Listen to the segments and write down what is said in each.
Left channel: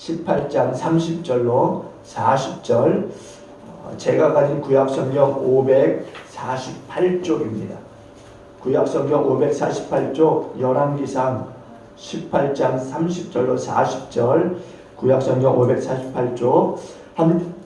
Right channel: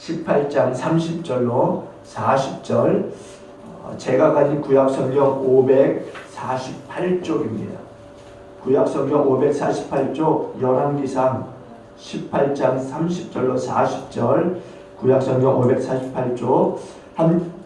18장 30절로 40절, 제가 가진 구약성경 548쪽입니다. 구약성경 548쪽 열왕기상 18장 30절로 40절, 구약성경 548쪽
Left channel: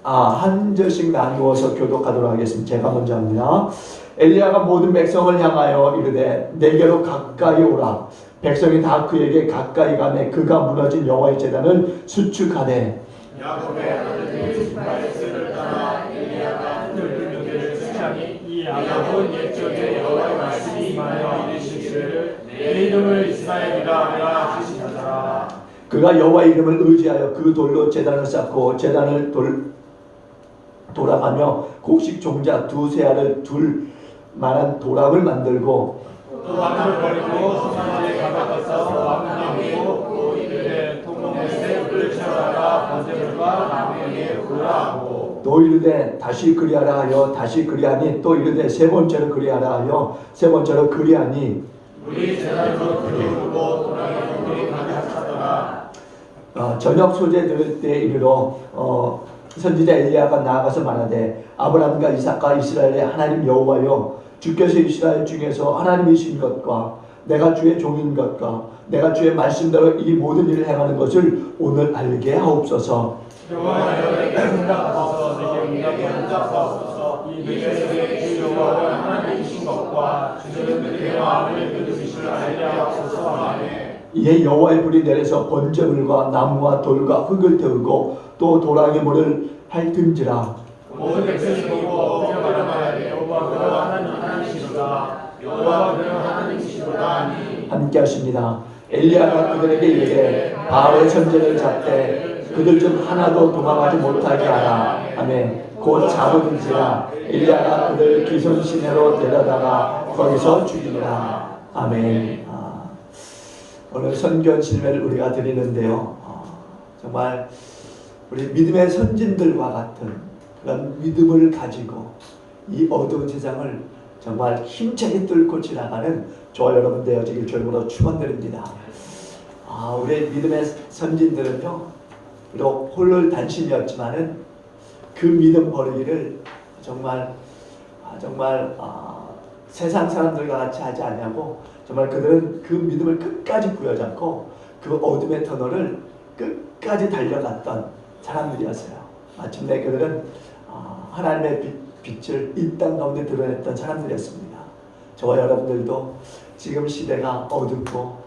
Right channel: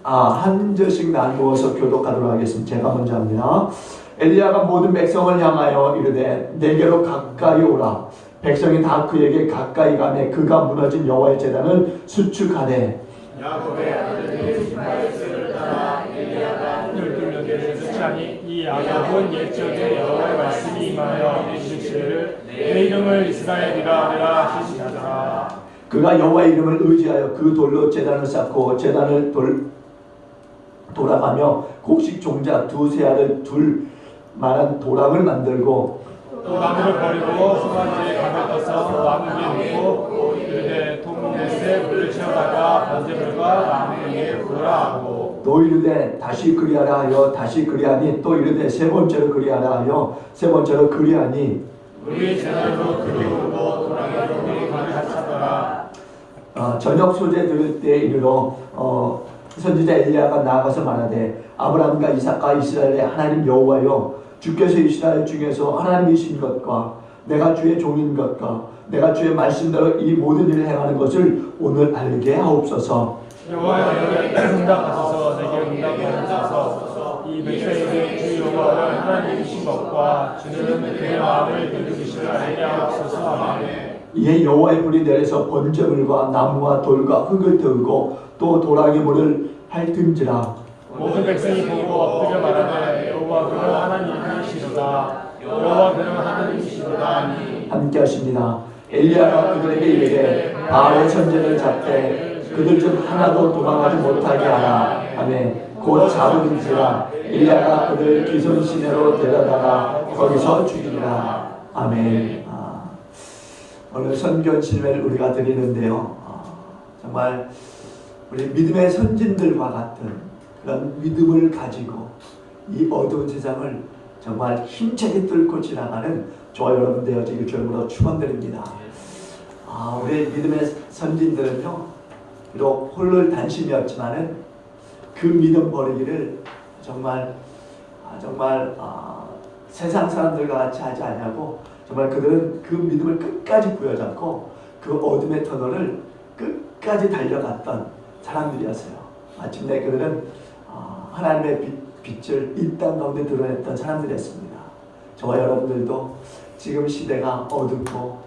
한 절씩 나누어서 교독하도록 하겠습니다. 제가 먼저 합니다. 엘리야가 모든 백성을 향하여 이르되 내게로 가까이 오라. 백성이 다 그에게 가까이 가매 그가 무너진 여호와의 제단을 수축하되 야곱의 아들들이 지파에스를 따라 엘리야가 12명의 수장이 이 야곱은 옛적에 여호와의 말씀이 임하여 이르시기를 내 이름을 이스라엘이라 하라 하시니라. 그가 여호와의 이름을 의지하여 그 돌로 제단을 쌓고 제단을 돌아가며 곡식 종자 두세 알을 둘 만한 도랑을 만들고 또 나무를 버리고 소나무에 감아서 왕궁에 묻고 이르되 동문에서 불을 쳐다가 번제물과 나무 위에 구하고 또 이르되 다시 그리하라 하여 다시 그리하니 또 이르되 세 번째로 그리하라 하여 세 번째로 그리하니 우리 제단으로 불이 오르고 도랑에도 불이 가득 차더라. 저녁 소재 들을 때 이르러 선지자 엘리야가 나아가서 말하되 아브라함과 이삭과 이스라엘의 하나님 여호와여 주께서 이스라엘 중에서 하나님이신 것과 내가 주의 종인 것과 내가 주의 말씀대로 이 모든 일을 행하는 것을 오늘 알게 하옵소서. 여호와의 응답하소서. 내게 응답에 응답하소서. 이 백성에게 주 여호와는 하나님이신 것과 주는 그의 마음을 들으시기를 알게 하옵소서. 아멘. 이에 여호와의 불이 내려서 번제물과 나무와 돌과 흙을 태우고 또 도랑의 물을 핥은지라. 모든 백성이 보고 엎드려 말하되 여호와 그는 하나님이시로다. 여호와 그는 하나님이시로다. 아멘. 함께 하십니다. 엘리야가 그들에게 이르되 바알의 선제를 잡되 그들 중 하나도 도망가지 못하게 하라. 아멘. 곧 잡은지라. 엘리야가 그들 기손 시내로 데려다가 거기서 죽이니라. 아멘. 오늘 선견 실회를 우리가 드리는데요. 정말 우리 믿음의 선진들과 같은 그런 믿음을 가지고 이 어두운 세상을 정말 힘차게 뚫고 지나가는 저와 여러분 되어지길 주님으로 축원드립니다. 우리 믿음의 선진들은요, 비록 홀로 단신이었지만은 그 믿음 버리기를 정말 세상 사람들과 같이 하지 않냐고 정말 그들은 그 믿음을 끝까지 부여잡고 그 어둠의 터널을 끝까지 달려갔던 사람들이었어요. 마침내 그들은 하나님의 빛을 이 땅 가운데 드러냈던 사람들이었습니다. 저와 여러분들도 지금 시대가 어둡고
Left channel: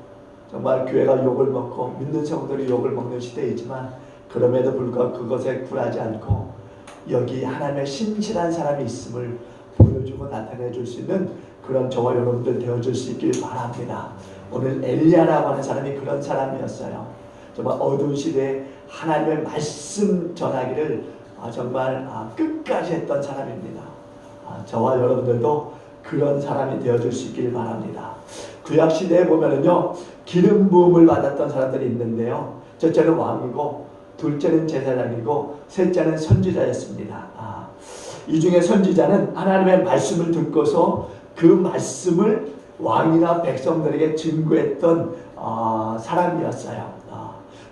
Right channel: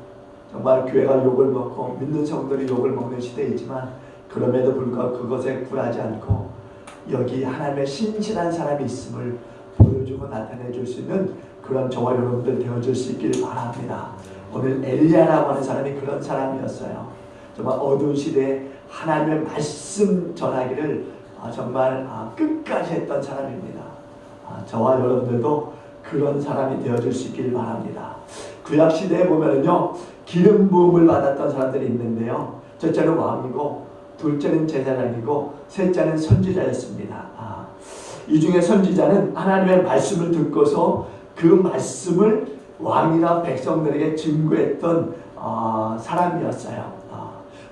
정말 교회가 욕을 먹고 믿는 성도들이 욕을 먹는 시대이지만 그럼에도 불구하고 그것에 굴하지 않고 여기 하나님의 신실한 사람이 있음을 보여주고 나타내 줄 수 있는 그런 저와 여러분들 되어줄 수 있길 바랍니다. 오늘 엘리야라고 하는 사람이 그런 사람이었어요. 정말 어두운 시대에 하나님의 말씀 전하기를 정말 끝까지 했던 사람입니다. 저와 여러분들도 그런 사람이 되어줄 수 있길 바랍니다. 구약 시대에 보면은요, 기름 부음을 받았던 사람들이 있는데요. 첫째는 왕이고, 둘째는 제사장이고, 셋째는 선지자였습니다. 이 중에 선지자는 하나님의 말씀을 듣고서 그 말씀을 왕이나 백성들에게 증거했던 사람이었어요.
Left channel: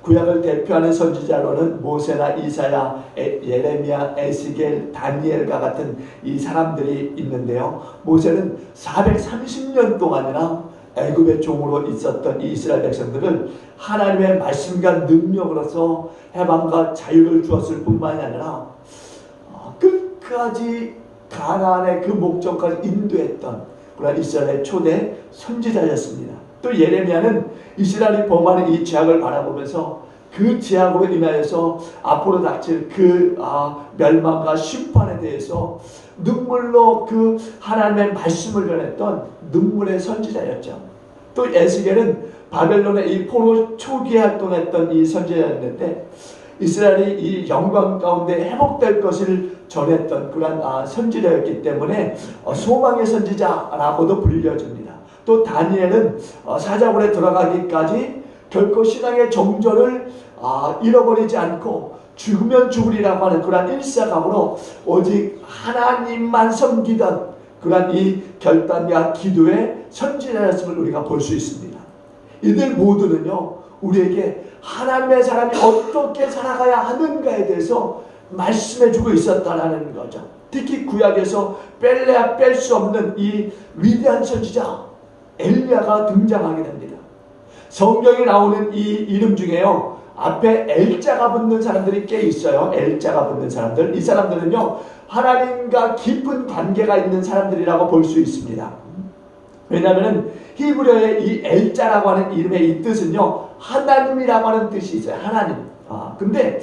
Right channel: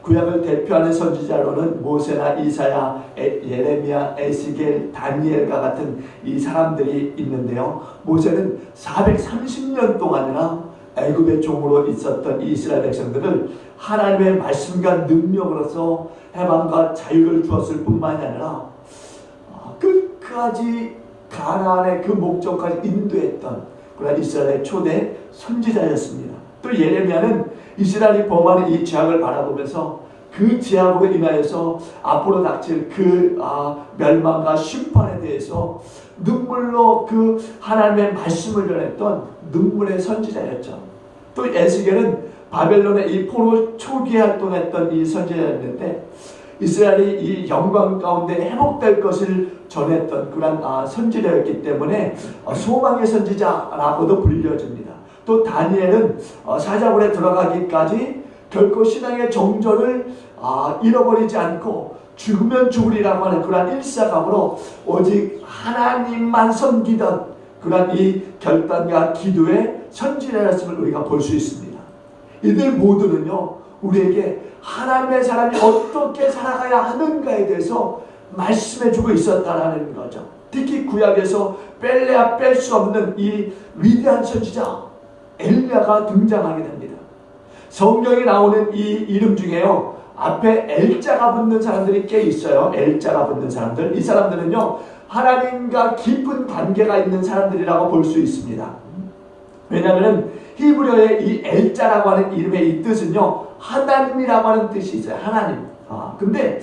구약을 대표하는 선지자로는 모세나 이사야, 예레미야, 에스겔, 다니엘과 같은 이 사람들이 있는데요. 모세는 430년 동안이나 애굽의 종으로 있었던 이 이스라엘 백성들을 하나님의 말씀과 능력으로서 해방과 자유를 주었을 뿐만이 아니라 끝까지 가나안의 그 목적까지 인도했던 그런 이스라엘의 초대 선지자였습니다. 또 예레미야는 이스라엘이 범하는 이 죄악을 바라보면서 그 죄악으로 인하여서 앞으로 닥칠 그 멸망과 심판에 대해서 눈물로 그 하나님의 말씀을 전했던 눈물의 선지자였죠. 또 에스겔은 바벨론의 이 포로 초기에 활동했던 이 선지자였는데 이스라엘이 이 영광 가운데 회복될 것을 전했던 그런 선지자였기 때문에 소망의 선지자라고도 불려집니다. 또 다니엘은 사자굴에 들어가기까지 결코 신앙의 정절을 잃어버리지 않고 죽으면 죽으리라고 하는 그런 일사감으로 오직 하나님만 섬기던 그런 이 결단과 기도의 선지자였음을 우리가 볼 수 있습니다. 이들 모두는요, 우리에게 하나님의 사람이 어떻게 살아가야 하는가에 대해서 말씀해주고 있었다라는 거죠. 특히 구약에서 뺄래야 뺄 수 없는 이 위대한 선지자 엘리야가 등장하게 됩니다. 성경에 나오는 이 이름 중에요, 앞에 L자가 붙는 사람들이 꽤 있어요. L자가 붙는 사람들. 이 사람들은요, 하나님과 깊은 관계가 있는 사람들이라고 볼 수 있습니다. 왜냐하면 히브리어의 이 L자라고 하는 이름의 이 뜻은요, 하나님이라고 하는 뜻이 있어요. 하나님. 근데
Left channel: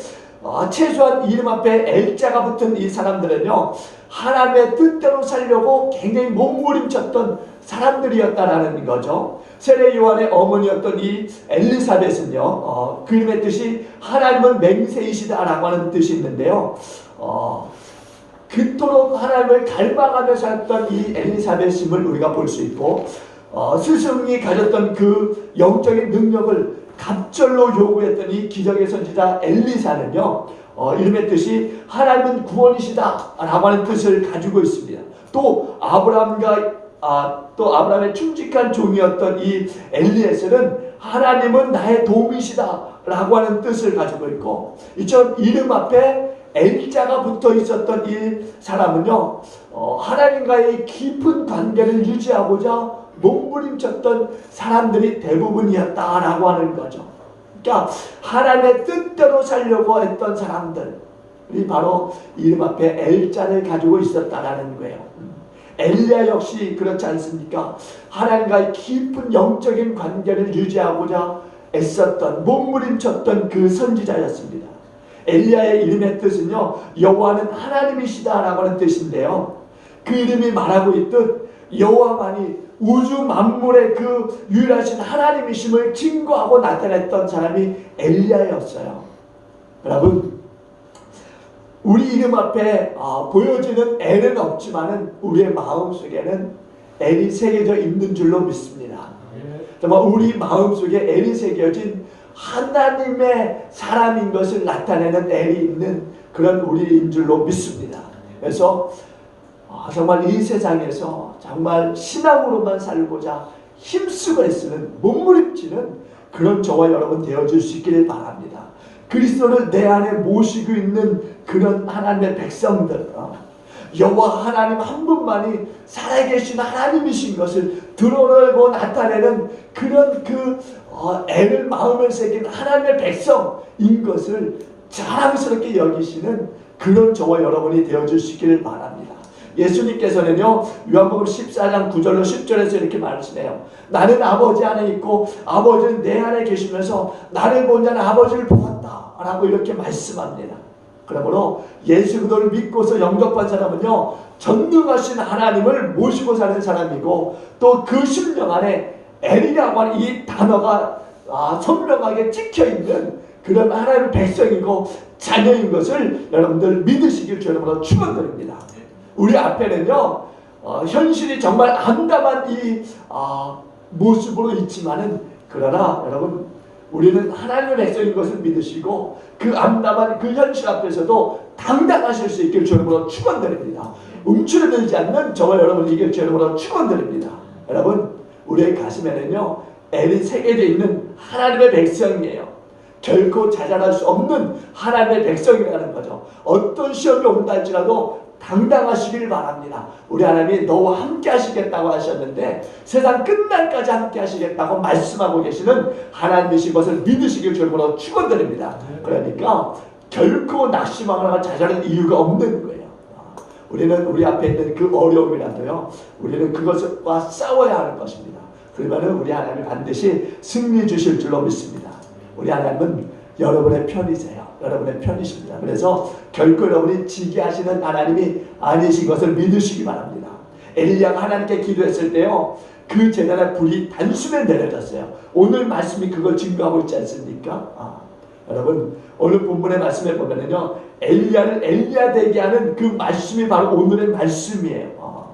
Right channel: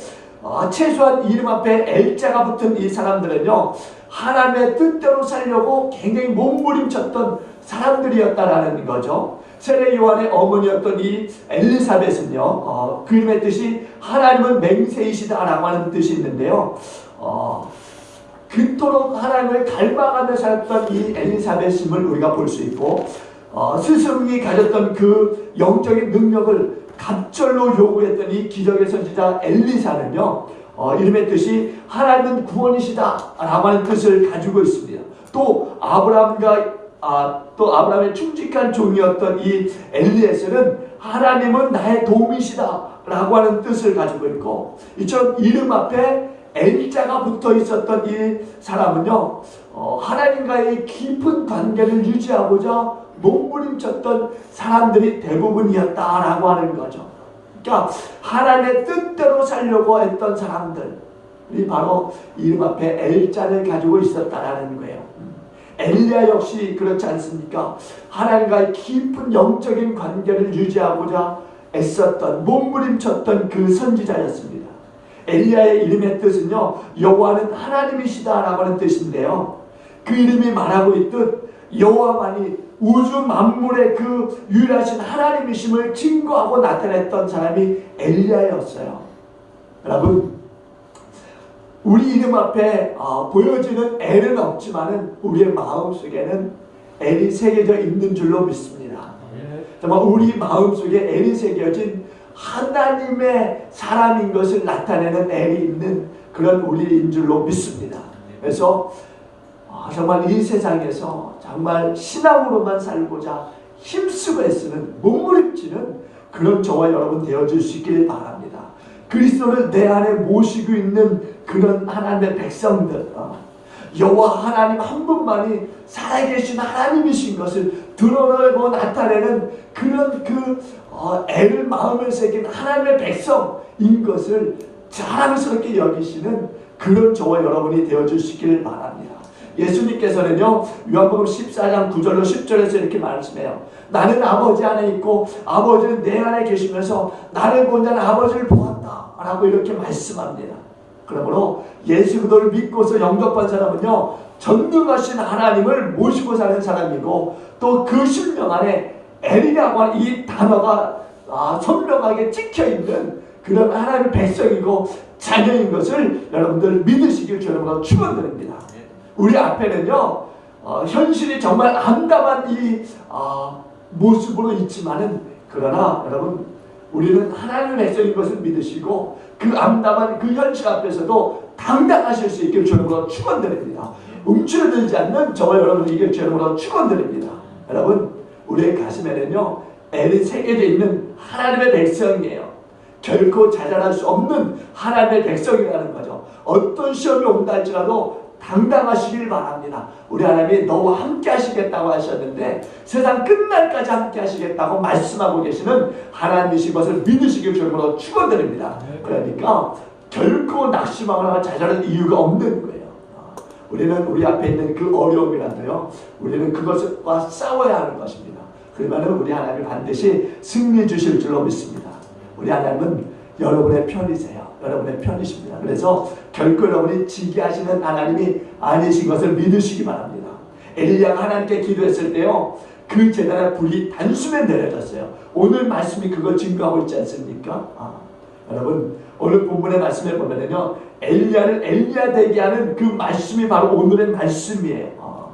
최소한 이름 앞에 L자가 붙은 이 사람들은요, 하나님의 뜻대로 살려고 굉장히 몸부림쳤던 사람들이었다라는 거죠. 세례 요한의 어머니였던 이 엘리사벳은요, 그 이름의 뜻이 하나님은 맹세이시다라고 하는 뜻이 있는데요, 그토록 하나님을 갈망하며 살았던 이 엘리사벳임을 우리가 볼 수 있고, 스승이 가졌던 그 영적인 능력을 갑절로 요구했던 이 기적의 선지자 엘리사는요, 이름의 뜻이 하나님은 구원이시다 라고 하는 뜻을 가지고 있습니다. 또 아브라함의 충직한 종이었던 이 엘리에셀은 하나님은 나의 도움이시다 라고 하는 뜻을 가지고 있고, 이처럼 이름 앞에 L자가 붙어 있었던 이 사람은요, 하나님과의 깊은 관계를 유지하고자 몸부림쳤던 사람들이 대부분이었다라고 하는 거죠. 그러니까 하나님의 뜻대로 살려고 했던 사람들이 바로 이름 앞에 L자를 가지고 있었다라는 거예요. 엘리야 역시 그렇지 않습니까? 하나님과의 깊은 영적인 관계를 유지하고자 애썼던, 몸부림쳤던 그 선지자였습니다. 엘리야의 이름의 뜻은요, 여호와는 하나님이시다라고 하는 뜻인데요, 그 이름이 말하고 있듯 여호와만이 우주 만물의 그 유일하신 하나님이심을 증거하고 나타냈던 사람이 엘리야였어요. 여러분, 우리 이름 앞에 보여지는 L은 없지만은 우리의 마음속에는 L이 새겨져 있는 줄로 믿습니다. 정말 우리 마음속에 L이 새겨진 하나님의 사람인 것을 나타내는 L이 있는 그런 우리인 줄로 믿습니다. 그래서 정말 이 세상에서 정말 신앙으로만 살고자 힘쓰고 애쓰는, 몸부림치는 그런 저와 여러분 되어줄 수 있길 바랍니다. 그리스도를 내 안에 모시고 있는 그런 하나님의 백성들, 여호와 하나님 한 분만이 살아계신 하나님이신 것을 드러내고 나타내는 그런 애를 마음에 새긴 하나님의 백성인 것을 자랑스럽게 여기시는 그런 저와 여러분이 되어줄 수 있기를 바랍니다. 예수님께서는요, 요한복음 14장 9절로 10절에서 이렇게 말씀해요. 나는 아버지 안에 있고 아버지는 내 안에 계시면서 나를 본 자는 아버지를 보았다 라고 이렇게 말씀합니다. 그러므로 예수 그리스도를 믿고서 영접한 사람은요, 전능하신 하나님을 모시고 사는 사람이고, 또 그 심령 안에 엘이라고 하는 이 단어가 선명하게 찍혀있는 그런 하나님의 백성이고 자녀인 것을 여러분들 믿으시길 주님으로 축원드립니다. 우리 앞에는요, 현실이 정말 암담한 이 모습으로 있지만은, 그러나 여러분, 우리는 하나님의 백성인 것을 믿으시고 그 암담한 그 현실 앞에서도 당당하실 수 있길 주님으로 축원드립니다. 움츠러들지 않는 저와 여러분에게 주님으로 축원드립니다. 여러분, 우리의 가슴에는요, L이 새겨져 있는 하나님의 백성이에요. 결코 자잘할 수 없는 하나님의 백성이라는 거죠. 어떤 시험이 온다 할지라도 당당하시길 바랍니다. 우리 하나님이 너와 함께 하시겠다고 하셨는데 세상 끝날까지 함께 하시겠다고 말씀하고 계시는 하나님이신 것을 믿으시길 주님으로 축원드립니다. 그러니까 결코 낙심하거나 자잘할 이유가 없는 거예요. 우리는 우리 앞에 있는 그 어려움이라도요, 우리는 그것과 싸워야 하는 것입니다. 그러면 우리 하나님이 반드시 승리 주실 줄로 믿습니다. 우리 하나님은 여러분의 편이세요. 여러분의 편이십니다. 그래서 결코 여러분이 지게 하시는 하나님이 아니신 것을 믿으시기 바랍니다. 엘리야가 하나님께 기도했을 때요, 그 제단의 불이 단숨에 내려졌어요. 오늘 말씀이 그걸 증거하고 있지 않습니까? 여러분, 오늘 본문의 말씀에 보면요, 엘리야를 엘리야 되게 하는 그 말씀이 바로 오늘의 말씀이에요.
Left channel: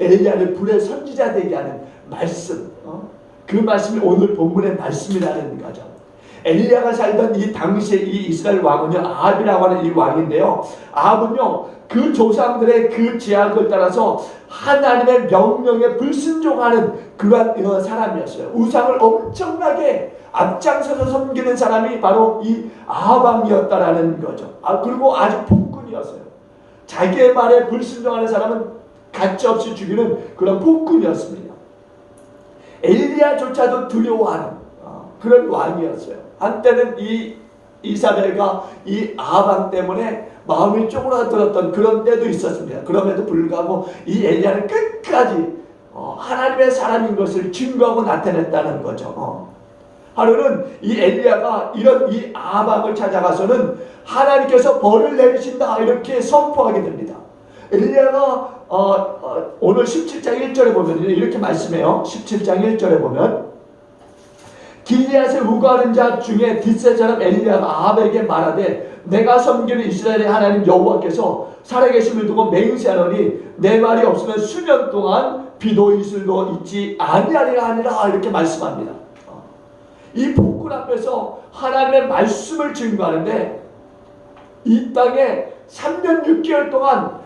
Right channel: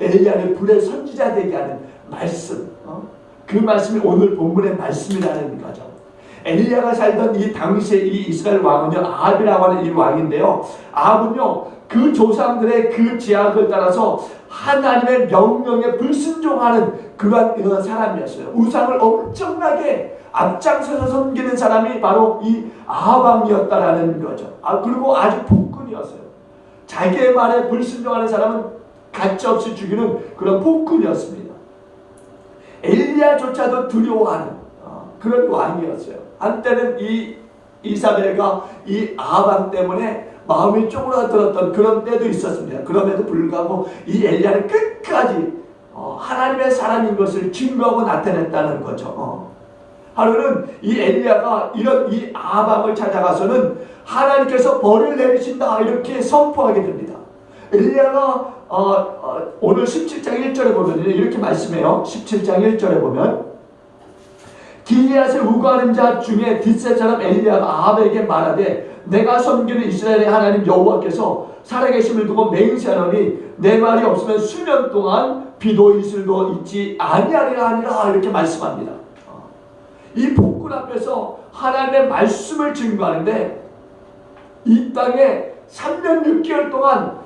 엘리야를 불의 선지자 되게 하는 말씀, 그 말씀이 오늘 본문의 말씀이라는 거죠. 엘리야가 살던 이 당시에 이 이스라엘 왕은요, 아합이라고 하는 이 왕인데요, 아합은요, 그 조상들의 그 제약을 따라서 하나님의 명령에 불순종하는 그런 사람이었어요. 우상을 엄청나게 앞장서서 섬기는 사람이 바로 이 아합왕이었다라는 거죠. 그리고 아주 폭군이었어요. 자기의 말에 불순종하는 사람은 가차없이 죽이는 그런 폭군이었습니다. 엘리야조차도 두려워하는 그런 왕이었어요. 한때는 이 이사벨과 이 아합 때문에 마음이 쪼그라들었던 그런 때도 있었습니다. 그럼에도 불구하고 이 엘리야는 끝까지 하나님의 사람인 것을 증거하고 나타냈다는 거죠. 하루는 이 엘리야가 이런 이 아합을 찾아가서는 하나님께서 벌을 내리신다 이렇게 선포하게 됩니다. 엘리야가 오늘 17장 1절에 보면 이렇게 말씀해요. 17장 1절에 보면 길리앗에 우거하는 자 중에 뒷세 사람 엘리야가 아합에게 말하되 내가 섬기는 이스라엘의 하나님 여호와께서 살아계심을 두고 맹세하노니 내 말이 없으면 수년 동안 비도 이슬도 있지 아니하리라 하니라 이렇게 말씀합니다. 이 폭군 앞에서 하나님의 말씀을 증거하는데 이 땅에 3년 6개월 동안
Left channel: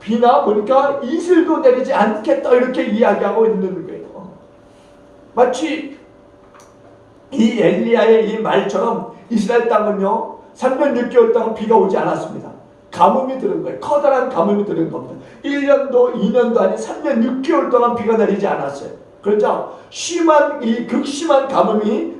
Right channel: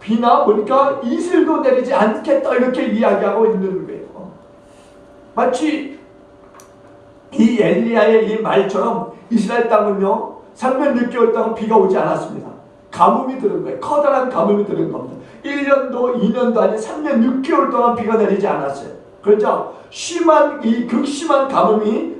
비나 보니까 이슬도 내리지 않겠다 이렇게 이야기하고 있는 거예요. 마치 이 엘리야의 이 말처럼 이스라엘 땅은요 3년 6개월 동안 비가 오지 않았습니다. 가뭄이 들은 거예요. 커다란 가뭄이 들은 겁니다. 1년도 2년도 아닌 3년 6개월 동안 비가 내리지 않았어요. 그렇죠? 극심한 가뭄이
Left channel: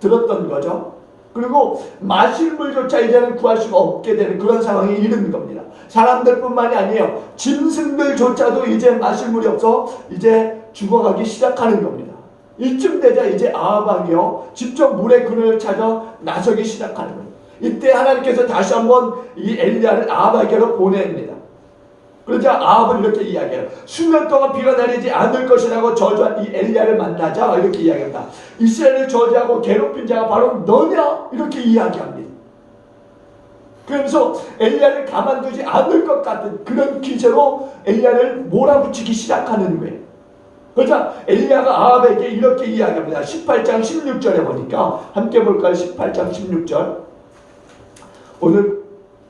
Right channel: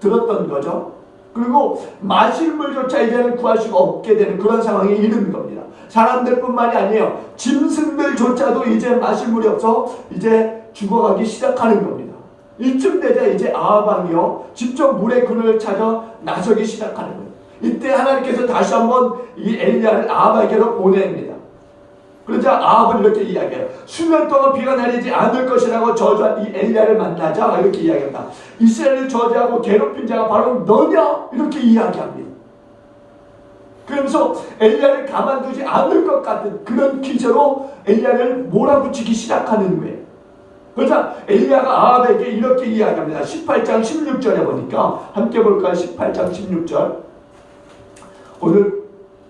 들었던 거죠. 그리고 마실 물조차 이제는 구할 수가 없게 되는 그런 상황에 이르는 겁니다. 사람들뿐만이 아니에요. 짐승들조차도 이제 마실 물이 없어 이제 죽어가기 시작하는 겁니다. 이쯤 되자 이제 아합 왕이요 직접 물의 근원을 찾아 나서기 시작하는 거예요. 이때 하나님께서 다시 한번 이 엘리야를 아합에게로 보냅니다. 그러자 아합은 이렇게 이야기해요. 수년 동안 비가 내리지 않을 것이라고 저주한 이 엘리야를 만나자 이렇게 이야기한다. 이스라엘을 저주하고 괴롭힌 자가 바로 너냐 이렇게 이야기합니다. 그러면서 엘리야를 가만두지 않을 것 같은 그런 기세로 엘리야를 몰아붙이기 시작하는 거예요. 그러자 엘리야가 아합에게 이렇게 이야기합니다. 18장 16절에 보니까 함께 볼까요? 18장 16절 오늘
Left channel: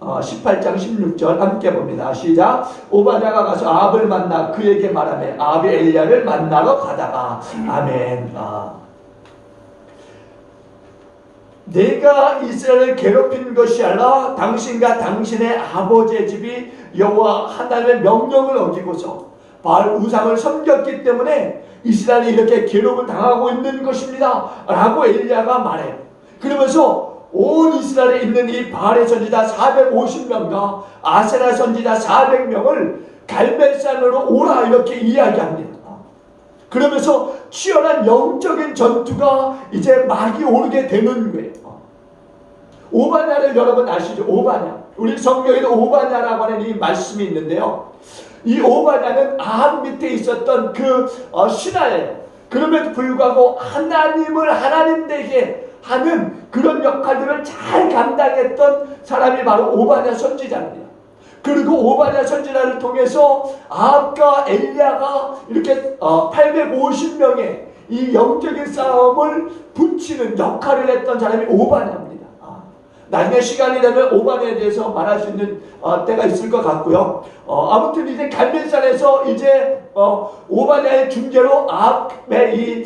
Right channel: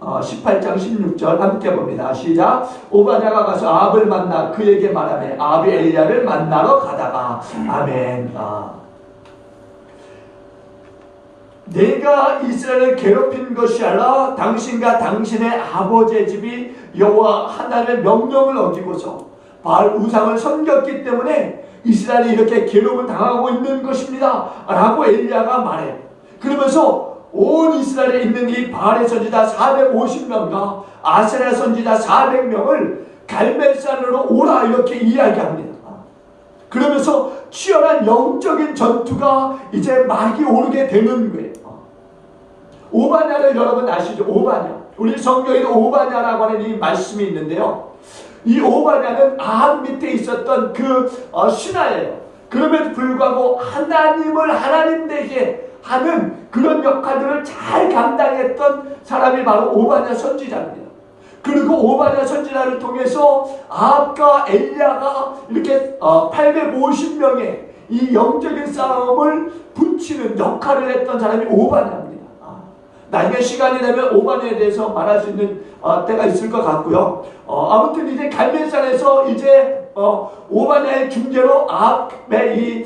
18장 16절 함께 봅니다. 시작. 오바댜가 가서 아합을 만나 그에게 말하매 아합이 엘리야를 만나러 가다가 아멘. 내가 이스라엘을 괴롭힌 것이 아니라 당신과 당신의 아버지의 집이 여호와 하나님의 명령을 어기고서 바알 우상을 섬겼기 때문에 이스라엘이 이렇게 괴롭을 당하고 있는 것입니다 라고 엘리야가 말해요. 그러면서 온 이스라엘에 있는 이 바알의 선지자 450명과 아세라 선지자 400명을 갈멜산으로 오라 이렇게 이야기합니다. 그러면서 치열한 영적인 전투가 이제 막이 오르게 되는 거예요. 오바댜를 여러분 아시죠? 오바댜. 우리 성경에도 오바댜라고 하는 이 말씀이 있는데요. 이 오바댜는 아합 밑에 있었던 그 신하예요. 그럼에도 불구하고 하나님을 하나님 되게 하는 그런 역할들을 잘 감당했던 사람이 바로 오바댜 선지자입니다. 그리고 오바댜 선지자를 통해서 아합과 엘리야가 이렇게 850명의 이 영적인 싸움을 붙이는 역할을 했던 사람이 오바댜입니다. 나중에 시간이 되면 오바댜에 대해서 말할 수 있는 때가 있을 것 같고요. 아무튼 이제 갈멜산에서 이제 오바댜의 중재로 아합의 이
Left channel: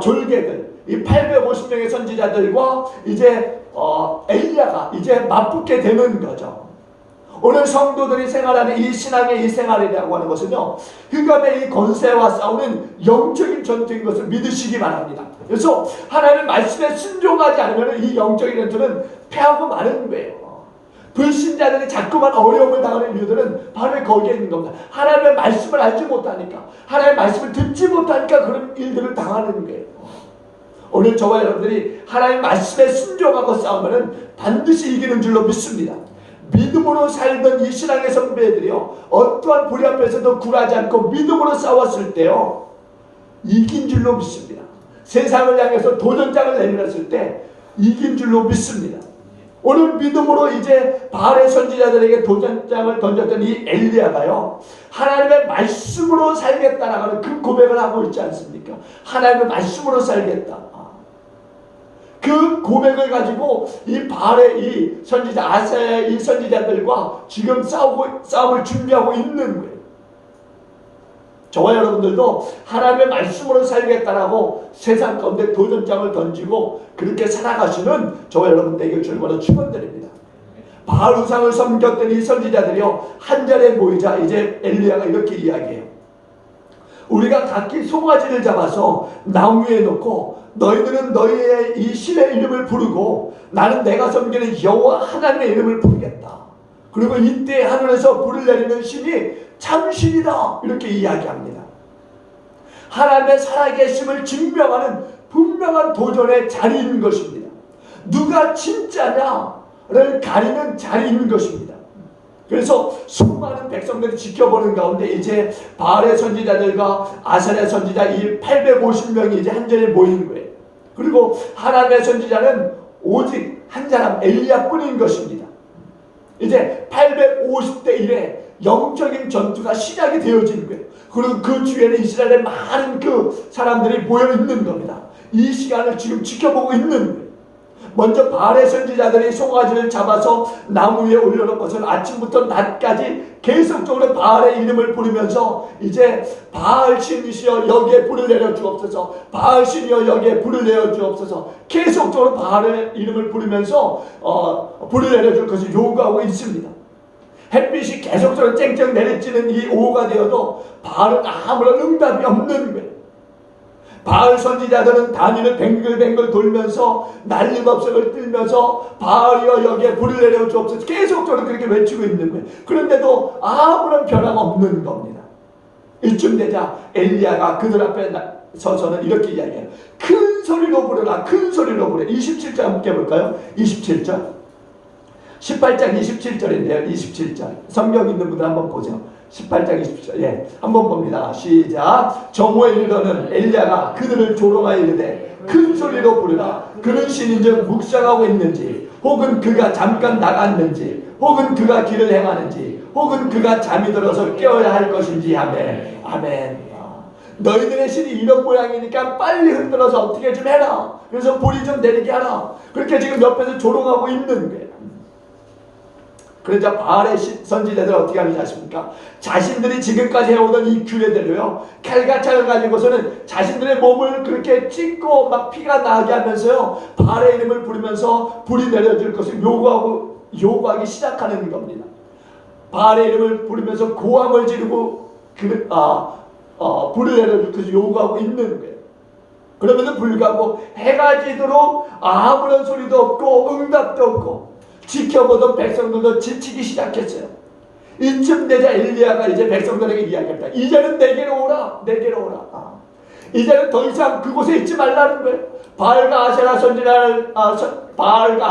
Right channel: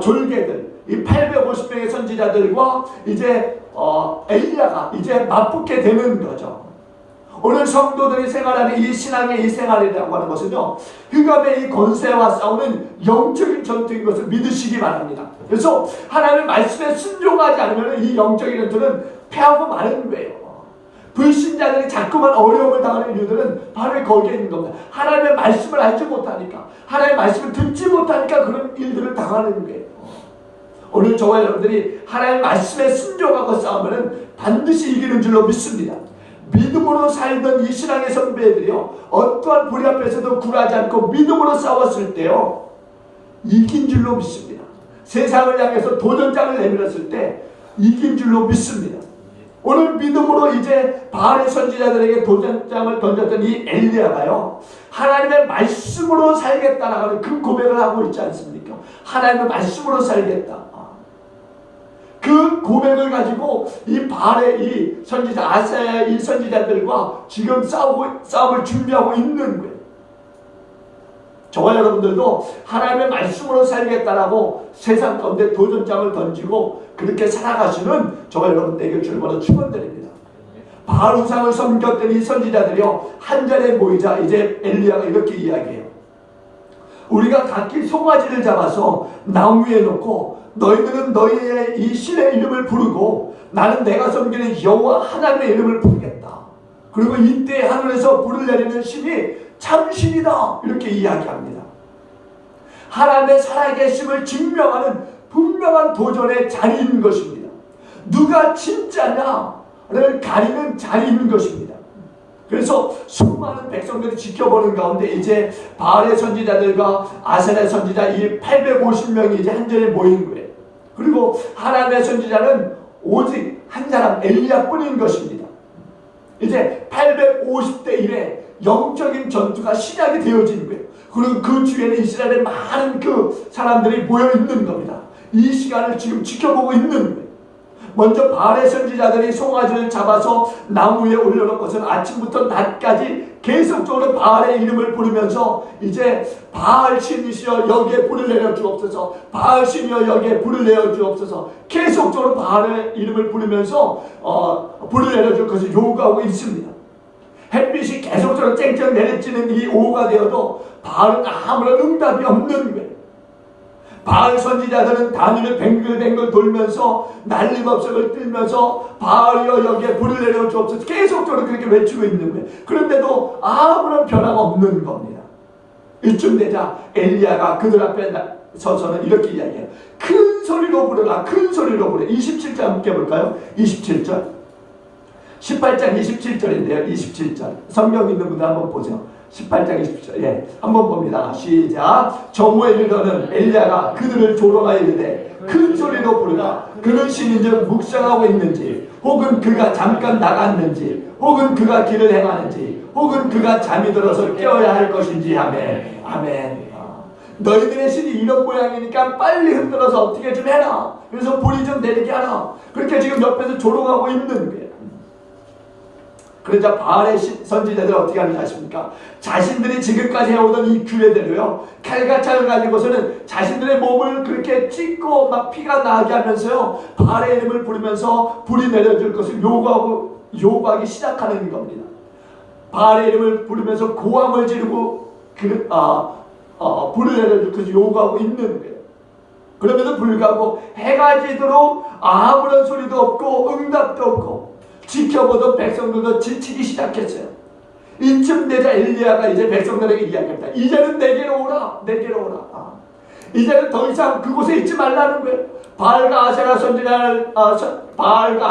졸개들, 이 850명의 선지자들과 이제 엘리야가 이제 맞붙게 되는 거죠. 오늘 성도들이 생활하는 이 신앙의 이 생활이라고 하는 것은요, 흑암의 이 권세와 싸우는 영적인 전투인 것을 믿으시기 바랍니다. 그래서 하나님의 말씀에 순종하지 않으면 이 영적인 전투는 패하고 마는 거예요. 불신자들이 자꾸만 어려움을 당하는 이유들은 바로 거기에 있는 겁니다. 하나님의 말씀을 알지 못하니까, 하나님의 말씀을 듣지 못하니까 그런 일들을 당하는 거예요. 오늘 저와 여러분들이 하나님의 말씀에 순종하고 싸우면 반드시 이기는 줄로 믿습니다. 믿음으로 살던 이 신앙의 선배들이요, 어떠한 불의 앞에서도 굴하지 않고 믿음으로 싸웠을 때요, 이긴 줄로 믿습니다. 세상을 향해서 도전장을 내밀었을 때 이긴 줄로 믿습니다. 오늘 믿음으로 이제 바알의 선지자들에게 도전장을 던졌던 이 엘리야가요, 하나님의 말씀으로 살겠다라는 그 고백을 하고 있지 않습니까? 하나님의 말씀으로 살겠다. 그 고백을 가지고 이 바알의 이 선지자 아사야의 이 선지자들과 지금 싸움을 준비하고 있는 거예요. 저와 여러분들도 하나님의 말씀으로 살겠다라고 세상 가운데 도전장을 던지고 그렇게 살아가시는 저와 여러분 되길 주님으로 축원드립니다. 바알 우상을 섬겼던 이 선지자들이요 한 자리에 모이자 이제 엘리야가 이렇게 이야기해요. 우리가 각기 송아지를 잡아서 나무 위에 놓고 너희들은 너희의 이 신의 이름을 부르고 나는 내가 섬기는 여호와 하나님의 이름을 부르겠다. 그리고 이때 하늘에서 불을 내리는 신이 참신이다 이렇게 이야기합니다. 하나님의 살아계심을 증명하는 분명한 도전의 자리인 것입니다. 누가 진짜냐를 가리는 자리인 것입니다. 그래서 수많은 백성들이 지켜보는 가운데 이제 바알의 선지자들과 아셀의 선지자 이 850명이 이제 한 자리에 모인 거예요. 그리고 하나님의 선지자는 오직 한 사람 엘리야뿐인 것입니다. 이제 850대 1에 영적인 전투가 시작이 되어진 거예요. 그리고 그 주위에는 이스라엘의 많은 그 사람들이 모여 있는 겁니다. 이 시간을 지금 지켜보고 있는 거예요. 먼저 바알의 선지자들이 송아지를 잡아서 나무 위에 올려놓고서는 아침부터 낮까지 계속적으로 바알의 이름을 부르면서 이제 바알 신이시여 여기에 불을 내려 주옵소서, 바알 신이여 여기에 불을 내려 주옵소서, 계속적으로 바알의 이름을 부르면서 불을 내려 줄 것을 요구하고 있습니다. 햇빛이 계속적으로 쨍쨍 내리쬐는 이 오후가 되어도 바알은 아무런 응답이 없는 거예요. 바알 선지자들은 단위를 뱅글뱅글 돌면서 난리법석을 들면서 바알이여 여기에 불을 내려 주옵소서 계속적으로 그렇게 외치고 있는 거예요. 그런데도 아무런 변화가 없는 겁니다. 이쯤 되자 엘리야가 그들 앞에 서서는 이렇게 이야기해요. 큰 소리로 부르라, 큰 소리로 부르라. 27절 함께 볼까요? 27절 18장 27절인데요. 27절 성경 있는 분들 한번 보세요. 18장 27절 예, 한번 봅니다. 시작. 정오에 이르러는 엘리야가 그들을 조롱하여 이르되 큰 소리로 부르라. 그는 신인즉 묵상하고 있는지 혹은 그가 잠깐 나갔는지 혹은 그가 길을 행하는지 혹은 그가 잠이 들어서 깨어야 할 것인지. 아멘. 아멘. 너희들의 신이 이런 모양이니까 빨리 흔들어서 어떻게 좀 해라. 그래서 불이 좀 내리게 하라. 그렇게 지금 옆에서 조롱하고 있는 거예요. 그러자 바알의 선지자들 어떻게 하는지 아십니까? 자신들이 지금까지 해오던 이 규례대로요 칼과 창을 가지고서는 자신들의 몸을 그렇게 찢고 막 피가 나게 하면서요 바알의 이름을 부르면서 불이 내려질 것을 요구하기 시작하는 겁니다. 바알의 이름을 부르면서 고함을 지르고 불을 내려줄 것을 요구하고 있는 거예요. 그럼에도 불구하고 해가 지도록 아무런 소리도 없고 응답도 없고 지켜보던 백성들도 지치기 시작했어요. 이쯤 되자 엘리야가 이제 백성들에게 이야기합니다. 이제는 내게로 오라, 내게로 오라. 이제는 더 이상 그곳에 있지 말라는 거예요. 바알과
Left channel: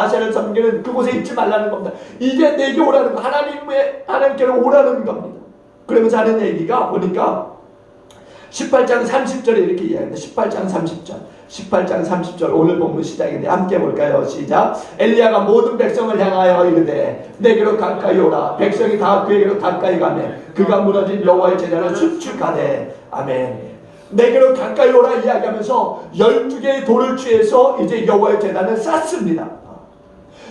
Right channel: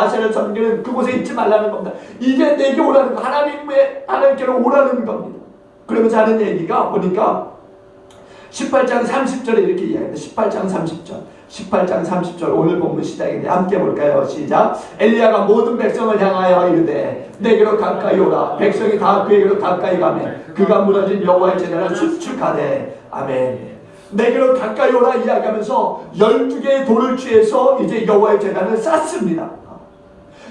아세라를 섬기는 그곳에 있지 말라는 겁니다. 이제 내게 오라는 하나님께로 오라는 겁니다. 그러면서 하는 얘기가 보니까 18장 30절에 이렇게 이야기합니다. 18장 30절 오늘 본문 시작인데 함께 볼까요? 시작. 엘리야가 모든 백성을 향하여 이르되 내게로 가까이 오라. 백성이 다 그에게로 가까이 가매 그가 무너진 여호와의 제단을 수축하되. 아멘. 내게로 가까이 오라 이야기하면서 12개의 돌을 취해서 이제 여호와의 제단을 쌓습니다.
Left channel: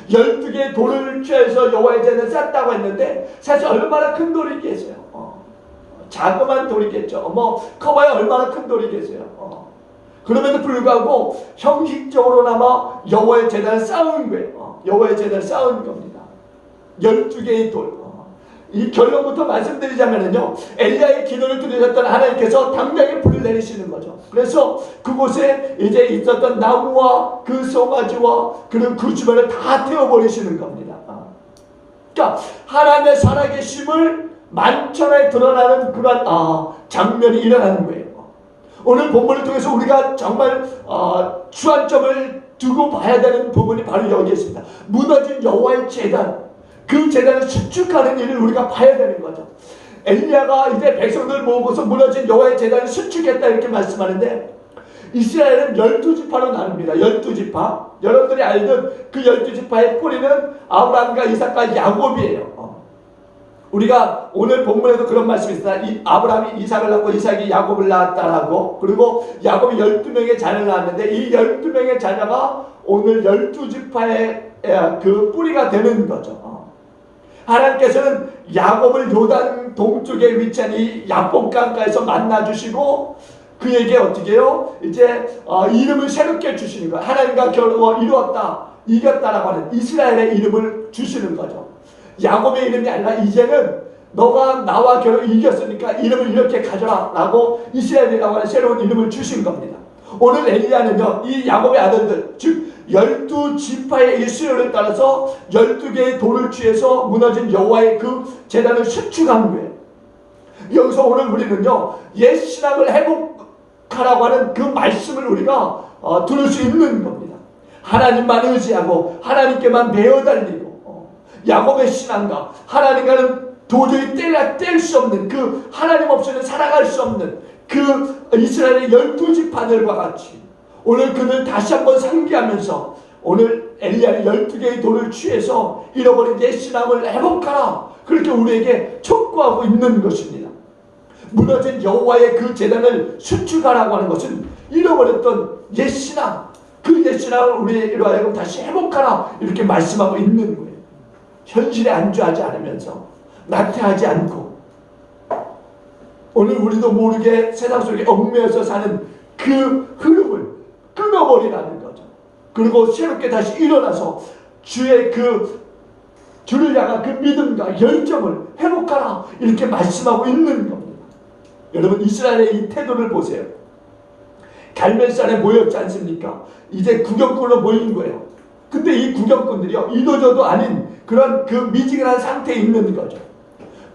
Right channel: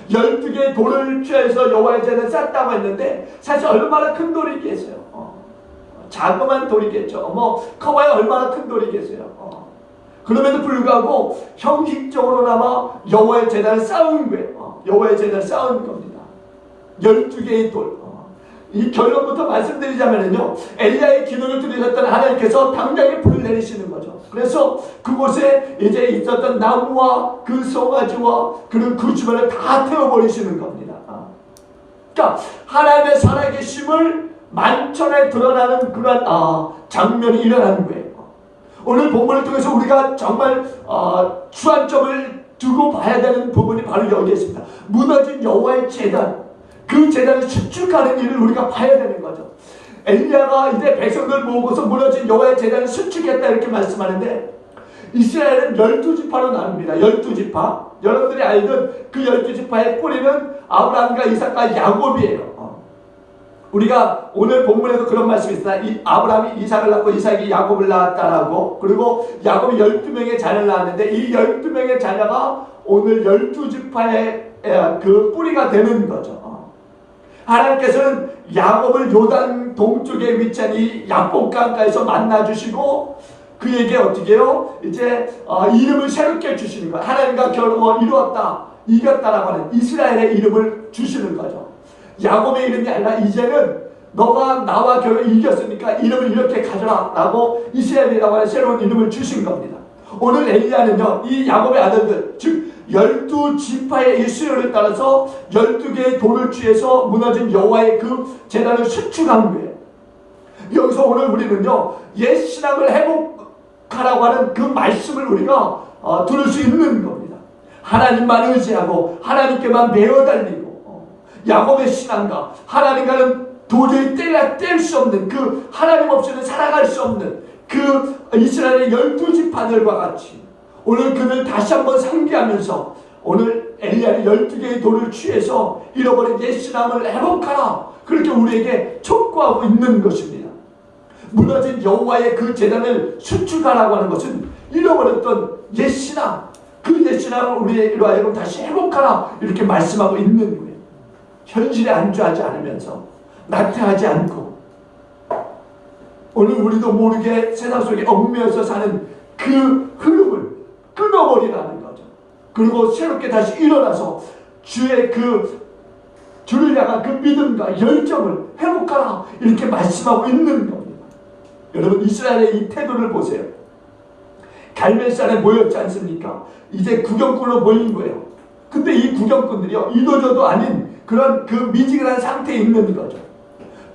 12개의 돌을 취해서 여호와의 제단을 쌓다고 했는데 사실 얼마나 큰 돌이겠어요. 자그마한 돌이겠죠. 커봐야 얼마나 큰 돌이겠어요. 그럼에도 불구하고 형식적으로나마 여호와의 제단을 쌓은 거예요. 여호와의 제단을 쌓은 겁니다. 12개의 돌. 이 결론부터 말씀드리자면요, 엘리야의 기도를 들으셨던 하나님께서 당장에 불을 내리시는 거죠. 그래서 그곳에 이제 있었던 나무와 그 송아지와 그런 그 주변을 다 태워버리시는 겁니다. 그러니까 하나님의 살아계심을 만천에 드러나는 그런 장면이 일어나는 거예요. 오늘 본문을 통해서 우리가 정말 주안점을 두고 봐야 되는 부분이 바로 여기에 있습니다. 무너진 여호와의 제단, 그 제단을 수축하는 일을 우리가 봐야 되는 거죠. 엘리야가 이제 백성들 모으고서 무너진 여호와의 제단을 수축했다 이렇게 말씀하는데 이스라엘은 12지파로 나눕니다. 12지파. 여러분들이 알던 그 12지파의 뿌리는 아브라함과 이삭과 야곱이에요. 우리가 오늘 본문에도 그런 말씀이 있습니다. 아브라함이 이삭을 낳고 이삭이 야곱을 낳았다라고. 그리고 야곱이 12명의 자녀를 낳았는데 이 12명의 자녀가 오늘 12지파의 그 뿌리가 되는 거죠. 하나님께서는 야곱을 요단 동쪽에 위치한 이 야복강가에서 만나주시고 그에게 어떻게 해요? 이제 이름을 새롭게 주시는 거예요. 하나님과 겨루어 이루었다, 이겼다라고 하는 이스라엘의 이름을 주시는 거죠. 야곱의 이름이 아니라 이제는 너가 나와 겨루 이겼으니까 이름을 이렇게 가져라 라고 이스라엘이라고 하는 새로운 이름을 주신 겁니다. 오늘 엘리야는요, 이 야곱의 아들들, 즉 12지파의 이 수요를 따라서 12개의 돌을 취해서 무너진 여호와의 그 제단을 수축한 거예요. 여기서 오늘 우리는요, 옛 신앙을 회복하라고 하는 그 말씀을 우리가 들을 수 있는 겁니다. 하나님만 의지하고 하나님께만 매어달리고 야곱의 신앙과 하나님과는 도저히 뗄 수 없는, 그 하나님 없이는 살아갈 수 없는 그 이스라엘의 12지파들과 같이 오늘 그들 다시 한번 상기하면서 오늘 엘리야는 12개의 돌을 취해서 잃어버린 옛 신앙을 회복하라, 그렇게 우리에게 촉구하고 있는 것입니다. 무너진 여호와의 그 제단을 수축하라고 하는 것은 잃어버렸던 옛 신앙, 그 옛 신앙을 우리로 하여금 다시 회복하라, 이렇게 말씀하고 있는 거예요. 현실에 안주하지 않으면서, 나태하지 않고, 오늘 우리도 모르게 세상 속에 얽매여서 사는 그 흐름을 끊어버리라는 거죠. 그리고 새롭게 다시 일어나서 주의 주를 향한 그 믿음과 열정을 회복하라, 이렇게 말씀하고 있는 겁니다. 여러분, 이스라엘의 이 태도를 보세요. 갈멜산에 모였지 않습니까? 이제 구경꾼으로 모인 거예요. 근데 이 구경꾼들이요, 이도저도 아닌 그런 그 미지근한 상태에 있는 거죠.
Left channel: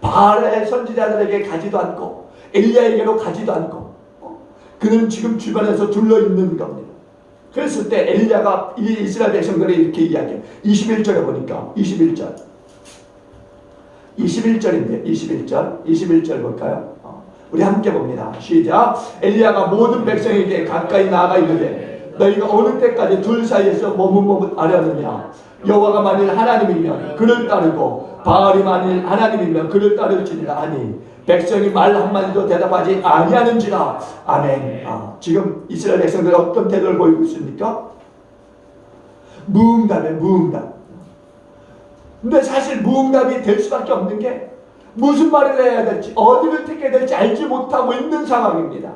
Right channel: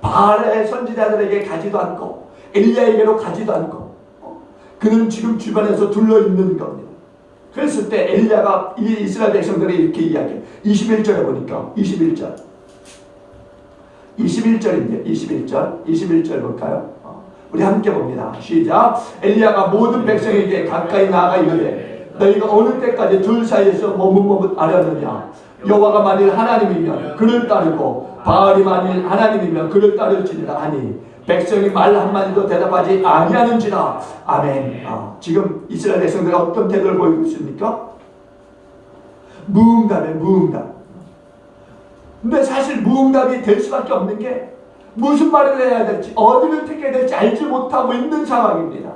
바알의 선지자들에게 가지도 않고 엘리야에게도 가지도 않고 그는 지금 주변에서 둘러있는 겁니다. 그랬을 때 엘리야가 이 이스라엘 백성들이 이렇게 이야기해요. 21절에 보니까 21절인데 21절 볼까요? 우리 함께 봅니다. 시작. 엘리야가 모든 백성에게 가까이 나아가 이르되 너희가 어느 때까지 둘 사이에서 머뭇머뭇하려느냐. 여호와가 만일 하나님이면 그를 따르고 바알이 만일 하나님이면 그를 따를지니라 하니 백성이 말 한마디도 대답하지 아니하는지라. 아멘. 지금 이스라엘 백성들이 어떤 태도를 보이고 있습니까? 무응답이에요. 근데 사실 무응답이 될 수밖에 없는 게 무슨 말을 해야 될지, 어디를 택해야 될지 알지 못하고 있는 상황입니다.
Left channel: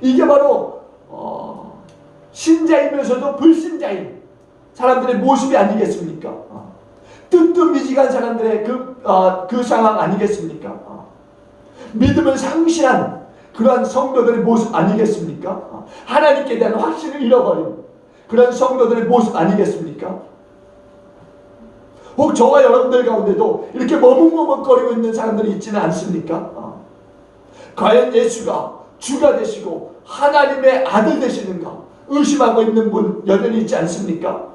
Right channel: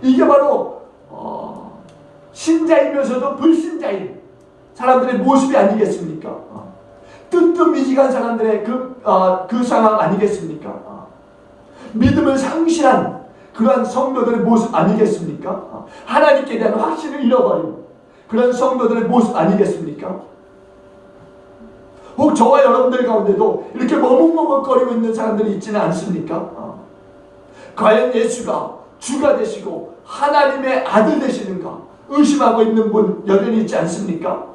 이게 바로 신자이면서도 불신자인 사람들의 모습이 아니겠습니까? 뜨뜻미지간 사람들의 그 상황 아니겠습니까? 믿음을 상실한 그러한 성도들의 모습 아니겠습니까? 하나님께 대한 확신을 잃어버린 그런 성도들의 모습 아니겠습니까? 혹 저와 여러분들 가운데도 이렇게 머뭇머뭇거리고 있는 사람들이 있지는 않습니까? 과연 예수가 주가 되시고 하나님의 아들 되시는가 의심하고 있는 분 여전히 있지 않습니까?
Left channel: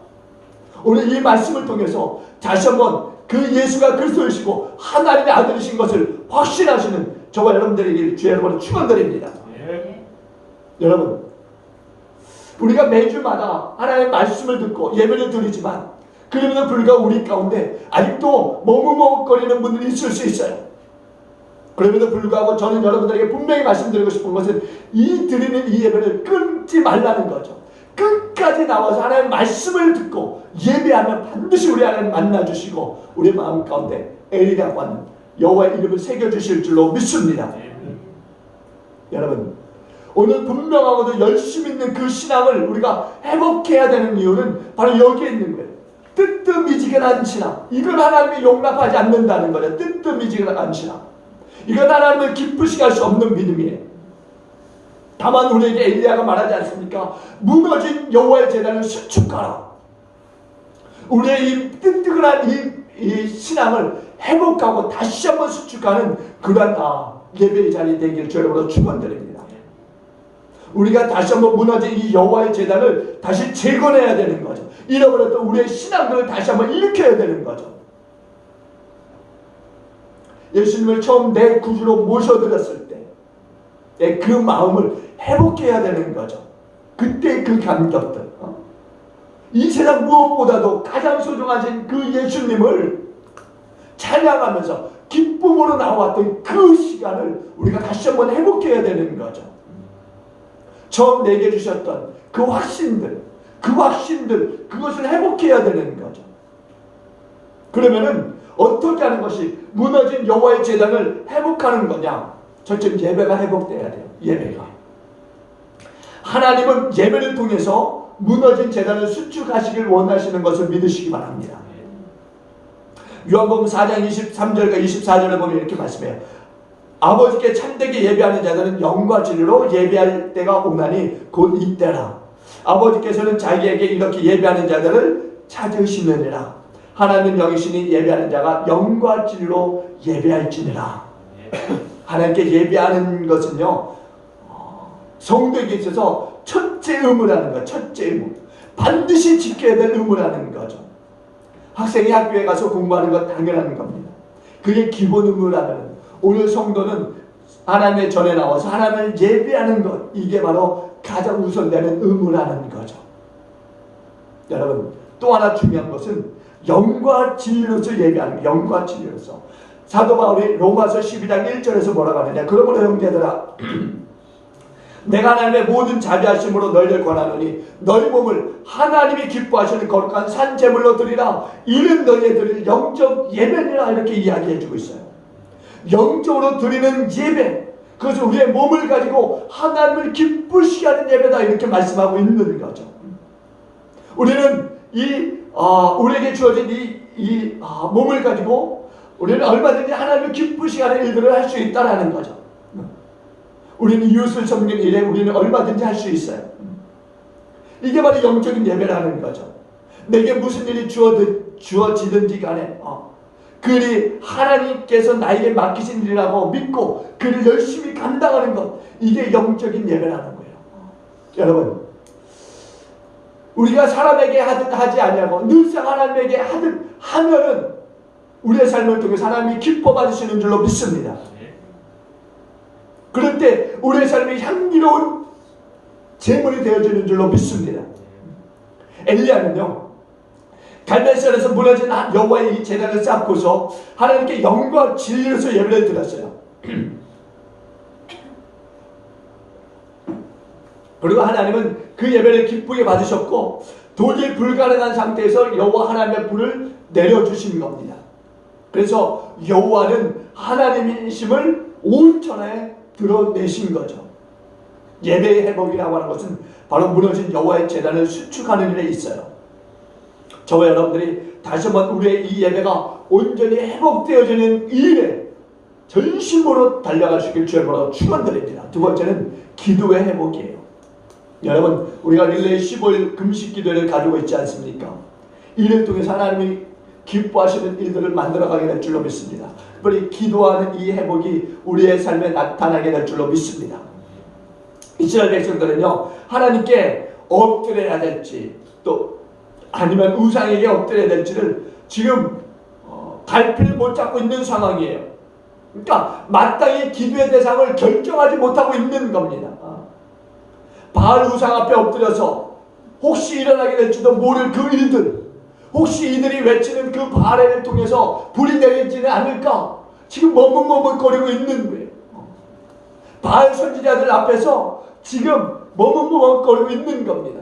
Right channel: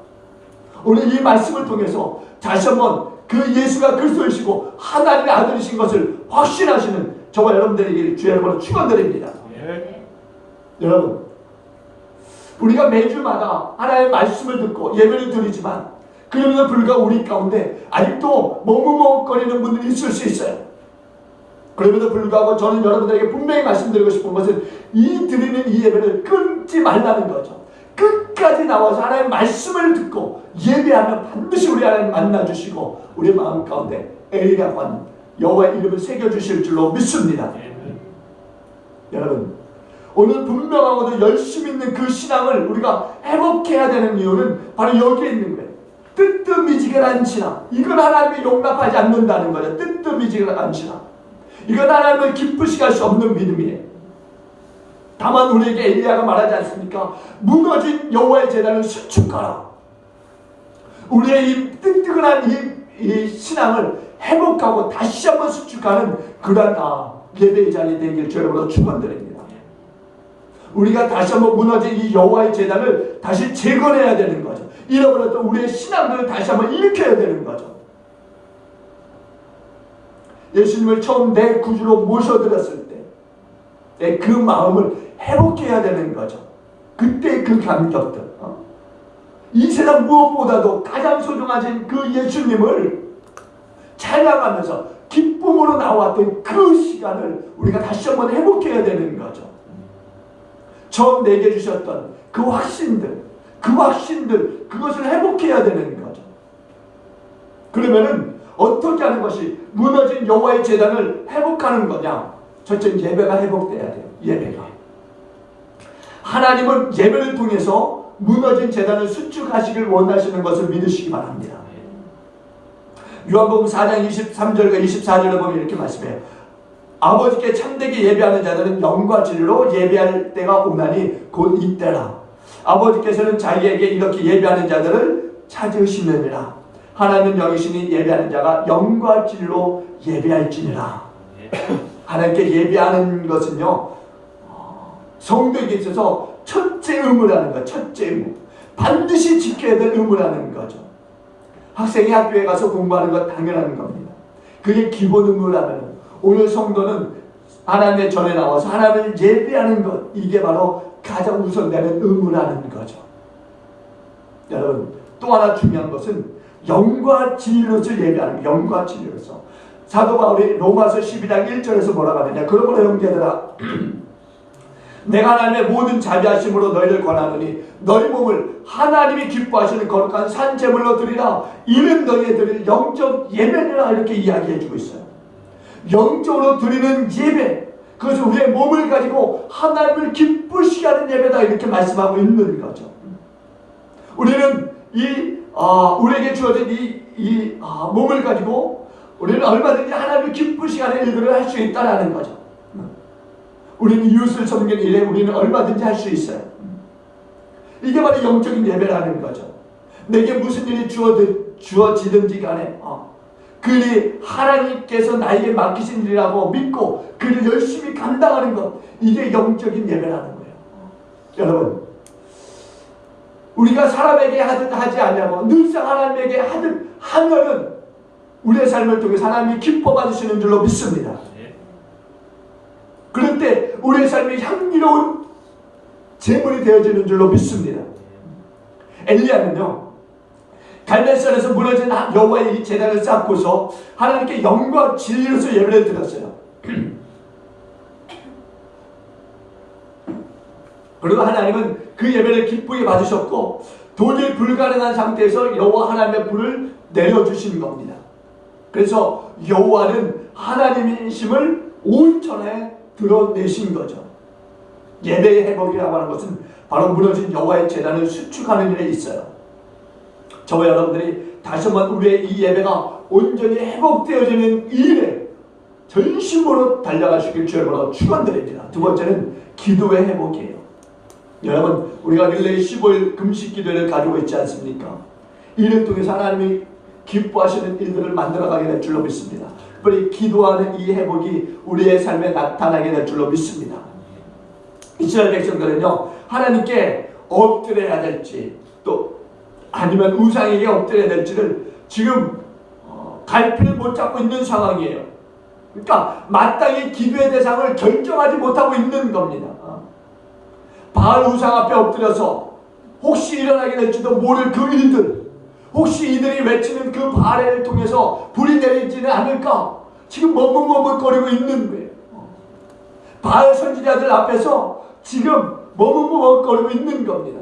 오늘 이 말씀을 통해서 다시 한번 그 예수가 그리스도이시고 하나님의 아들이신 것을 확신하시는 저와 여러분들에게 주의 이름으로 축원드립니다. 여러분, 우리가 매주마다 하나님의 말씀을 듣고 예배를 드리지만 그럼에도 불구하고 우리 가운데 아직도 머뭇머뭇거리는 분들이 있을 수 있어요. 그럼에도 불구하고 저는 여러분들에게 분명히 말씀드리고 싶은 것은 드리는 이 예배를 끊지 말라는 거죠. 끝까지 나와서 하나님의 말씀을 듣고 예배하면 반드시 우리 하나님 만나주시고 우리 마음 가운데 엘리야관 여호와의 이름을 새겨주실 줄로 믿습니다. 여러분, 오늘 분명하고도 열심히 있는 그 신앙을 우리가 회복해야 되는 이유는 바로 여기에 있는 거예요. 뜨뜻미지근한 신앙, 이건 하나님이 용납하지 않는다는 거예요. 뜨뜻미지근한 신앙, 이건 하나님을 기쁘시게 할 수 없는 믿음이에요. 다만 우리에게 엘리야가 말하지 않습니까? 무너진 여호와의 제단을 수축하라. 우리의 이 뜨뜻한 이 신앙을 회복하고 다시 한번 수축하는 그러한 예배의 자리 되길 주님으로 축원드립니다. 우리가 다시 한번 무너진 이 여호와의 제단을 다시 재건해야 되는 거죠. 잃어버렸던 우리의 신앙들을 다시 한번 일으켜야 되는 거죠. 예수님을 처음 내 구주로 모셔드렸을 때 내 그 마음을 회복해야 되는 거죠. 그때 그 감격들, 이 세상 무엇보다도 가장 소중하신 그 예수님을 찬양하면서 기쁨으로 나왔던 그 시간을 우리가 다시 한번 회복해야 되는 거죠. 처음 내게 주셨던 그 확신들, 그것을 회복해야 되는 거죠. 그러면은 어떻게 하는 것이 무너진 여호와의 제단을 회복하는 거냐? 첫째, 예배가 회복돼야 돼요. 예배가. 하나님은 예배를 통해서 무너진 제단을 수축하시길 원하시는 것을 믿으시기 바랍니다. 요한복음 4장 23절과 24절에 보면 이렇게 말씀해요. 아버지께 참되게 예배하는 자들은 영과 진리로 예배할 때가 오나니 곧 이때라. 아버지께서는 자기에게 이렇게 예배하는 자들을 찾으시느니라. 하나님은 영이시니 예배하는 자가 영과 진리로 예배할지니라. 하나님께 예배하는 것은요, 성도에게 있어서 첫째 의무라는 것, 첫째 의무. 반드시 지켜야 될 의무라는 거죠. 학생이 학교에 가서 공부하는 것 당연한 겁니다. 그게 기본 의무라면 오늘 성도는 하나님의 전에 나와서 하나님을 예배하는 것, 이게 바로 가장 우선되는 의무라는 거죠. 여러분, 또 하나 중요한 것은 영과 진리로서 예배하는 것, 영과 진리로서. 사도 바울이 로마서 12장 1절에서 뭐라고 하느냐? 그러므로 형제들아, 내가 하나님의 모든 자비하심으로 너희를 권하노니 너희 몸을 하나님이 기뻐하시는 거룩한 산 제물로 드리라. 이는 너희의 드릴 영적 예배니라. 이렇게 이야기해 주고 있어요. 영적으로 드리는 예배, 그것은 우리의 몸을 가지고 하나님을 기쁘시게 하는 예배다. 이렇게 말씀하고 있는 거죠. 우리는 우리에게 주어진 이 몸을 가지고 우리는 얼마든지 하나님을 기쁘시게 하는 일들을 할 수 있다는 거죠. 우리는 이웃을 섬기는 일에 우리는 얼마든지 할 수 있어요. 이게 바로 영적인 예배라는 거죠. 내게 무슨 일이 주어지든지 간에 그 일이 하나님께서 나에게 맡기신 일이라고 믿고 그 일을 열심히 감당하는 것, 이게 영적인 예배라는 거예요. 여러분, 우리가 사람에게 하든 하지 않냐고 늘상 하나님에게 하든 하면은 우리의 삶을 통해서 하나님이 기뻐 받으시는 줄로 믿습니다. 그럴 때 우리의 삶이 향기로운 제물이 되어지는 줄로 믿습니다. 엘리야는요, 갈멜산에서 무너진 여호와의 이 제단을 쌓고서 하나님께 영과 진리로서 예배를 드렸어요. 그리고 하나님은 그 예배를 기쁘게 받으셨고 도저히 불가능한 상태에서 여호와 하나님의 불을 내려주신 겁니다. 그래서 여호와는 하나님이심을 온전히 드러내신 거죠. 예배의 회복이라고 하는 것은 바로 무너진 여호와의 제단을 수축하는 일에 있어요. 저와 여러분들이 다시 한번 우리의 이 예배가 온전히 회복되어지는 이 일에 전심으로 달려가시길 주의 이름으로 축원드립니다. 두 번째는 기도의 회복이에요. 여러분, 우리가 릴레이 15일 금식 기도를 가지고 있지 않습니까? 이를 통해서 하나님이 기뻐하시는 일들을 만들어가게 될 줄로 믿습니다. 특별히 기도하는 이 회복이 우리의 삶에 나타나게 될 줄로 믿습니다. 이스라엘 백성들은요, 하나님께 엎드려야 될지 또 아니면 우상에게 엎드려야 될지를 지금 갈피를 못 잡고 있는 상황이에요. 그러니까 마땅히 기도의 대상을 결정하지 못하고 있는 겁니다. 바알 우상 앞에 엎드려서 혹시 일어나게 될지도 모를 그 일들, 혹시 이들이 외치는 그 바알을 통해서 불이 내리지는 않을까 지금 머뭇머뭇거리고 있는 거예요. 바알 선지자들 앞에서 지금 머뭇머뭇거리고 있는 겁니다.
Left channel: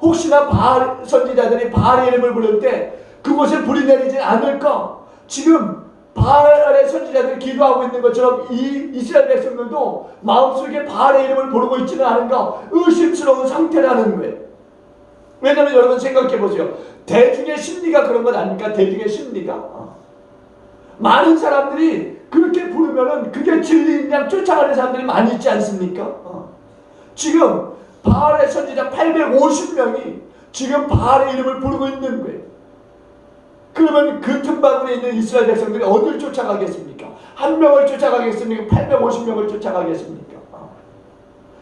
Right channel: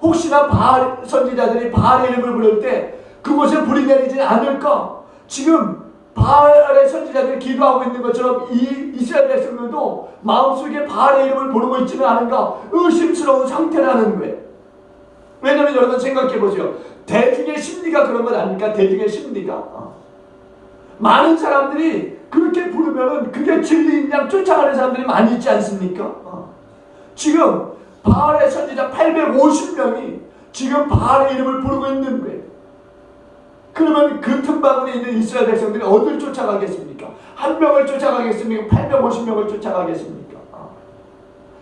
혹시나 바알 선지자들이 바알의 이름을 부를 때 그곳에 불이 내리지 않을까, 지금 바알의 선지자들이 기도하고 있는 것처럼 이 이스라엘 백성들도 마음속에 바알의 이름을 부르고 있지는 않은가 의심스러운 상태라는 거예요. 왜냐하면 여러분 생각해 보세요. 대중의 심리가 그런 건 아닙니까? 대중의 심리가 많은 사람들이 그렇게 부르면은 그게 진리인 양 쫓아가는 사람들이 많이 있지 않습니까? 지금 바알의 선지자 850명이 지금 바알의 이름을 부르고 있는 거예요. 그러면 그 틈바구니에 있는 이스라엘 백성들이 어딜 쫓아가겠습니까? 한 명을 쫓아가겠습니까? 850명을 쫓아가겠습니까?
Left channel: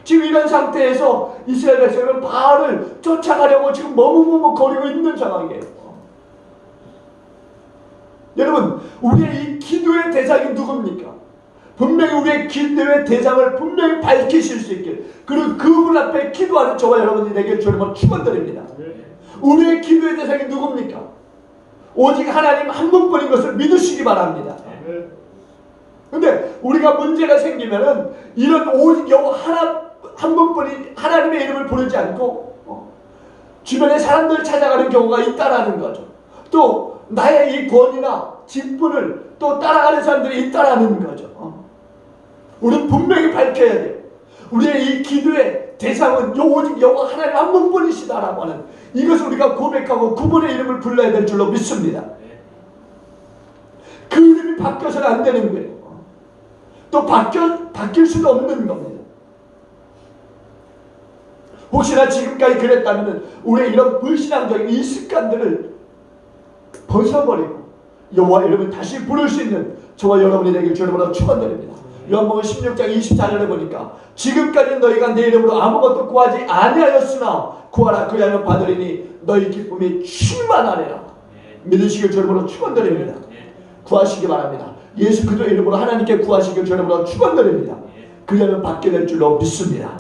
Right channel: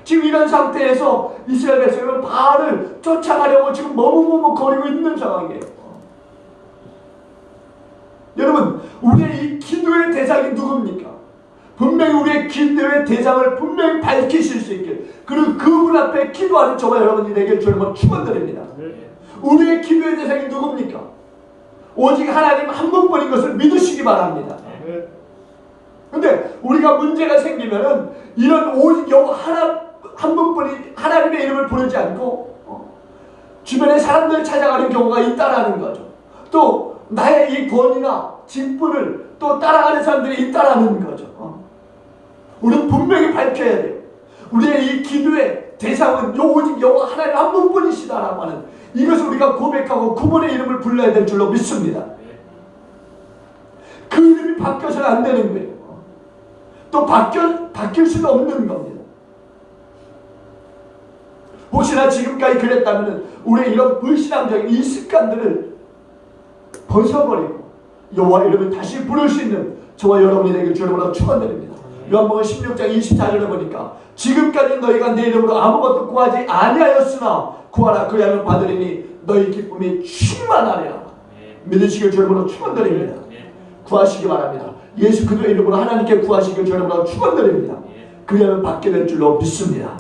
지금 이런 상태에서 이스라엘 백성은 바알을 쫓아가려고 지금 머뭇머뭇거리고 있는 상황이에요. 여러분, 우리의 이 기도의 대상이 누굽니까? 분명히 우리의 기도의 대상을 분명히 밝히실 수 있게, 그리고 그분 앞에 기도하는 저와 여러분이 되길 주님으로 축원드립니다. 우리의 기도의 대상이 누굽니까? 오직 하나님 한 분뿐인 것을 믿으시기 바랍니다. 근데 우리가 문제가 생기면은 이런 오직 여호와 한 분뿐인 하나님의 이름을 부르지 않고 주변에 사람들을 찾아가는 경우가 있다라는 거죠. 또 또 나의 이 권위나 직분을 또 따라가는 사람들이 있다라는 거죠. 우리는 분명히 밝혀야 돼요. 우리의 이 기도의 대상은 오직 여호와 하나님 한 분뿐이시다라고 하는 이것을 우리가 고백하고 그분의 이름을 불러야 될 줄로 믿습니다. 그 이름이 바뀌어서는 안 되는 거예요. 또 바뀔 수도 없는 겁니다. 혹시나 지금까지 그랬다면 우리의 이런 불신앙적인 이 습관들을 벗어버리고 여호와 이름을 다시 부를 수 있는 저와 여러분이 되길 주님으로 축원드립니다. 요한복음 16장 24절에 보니까 지금까지 너희가 내 이름으로 아무것도 구하지 아니하였으나 구하라 그리하면 받으리니 너희 기쁨이 충만하리라. 믿으시길 주님으로 축원드립니다. 구하시기 바랍니다. 예수 그리스도의 이름으로 하나님께 구하시길 주님으로 축원드립니다. 그리하면 받게 될 줄로 믿습니다.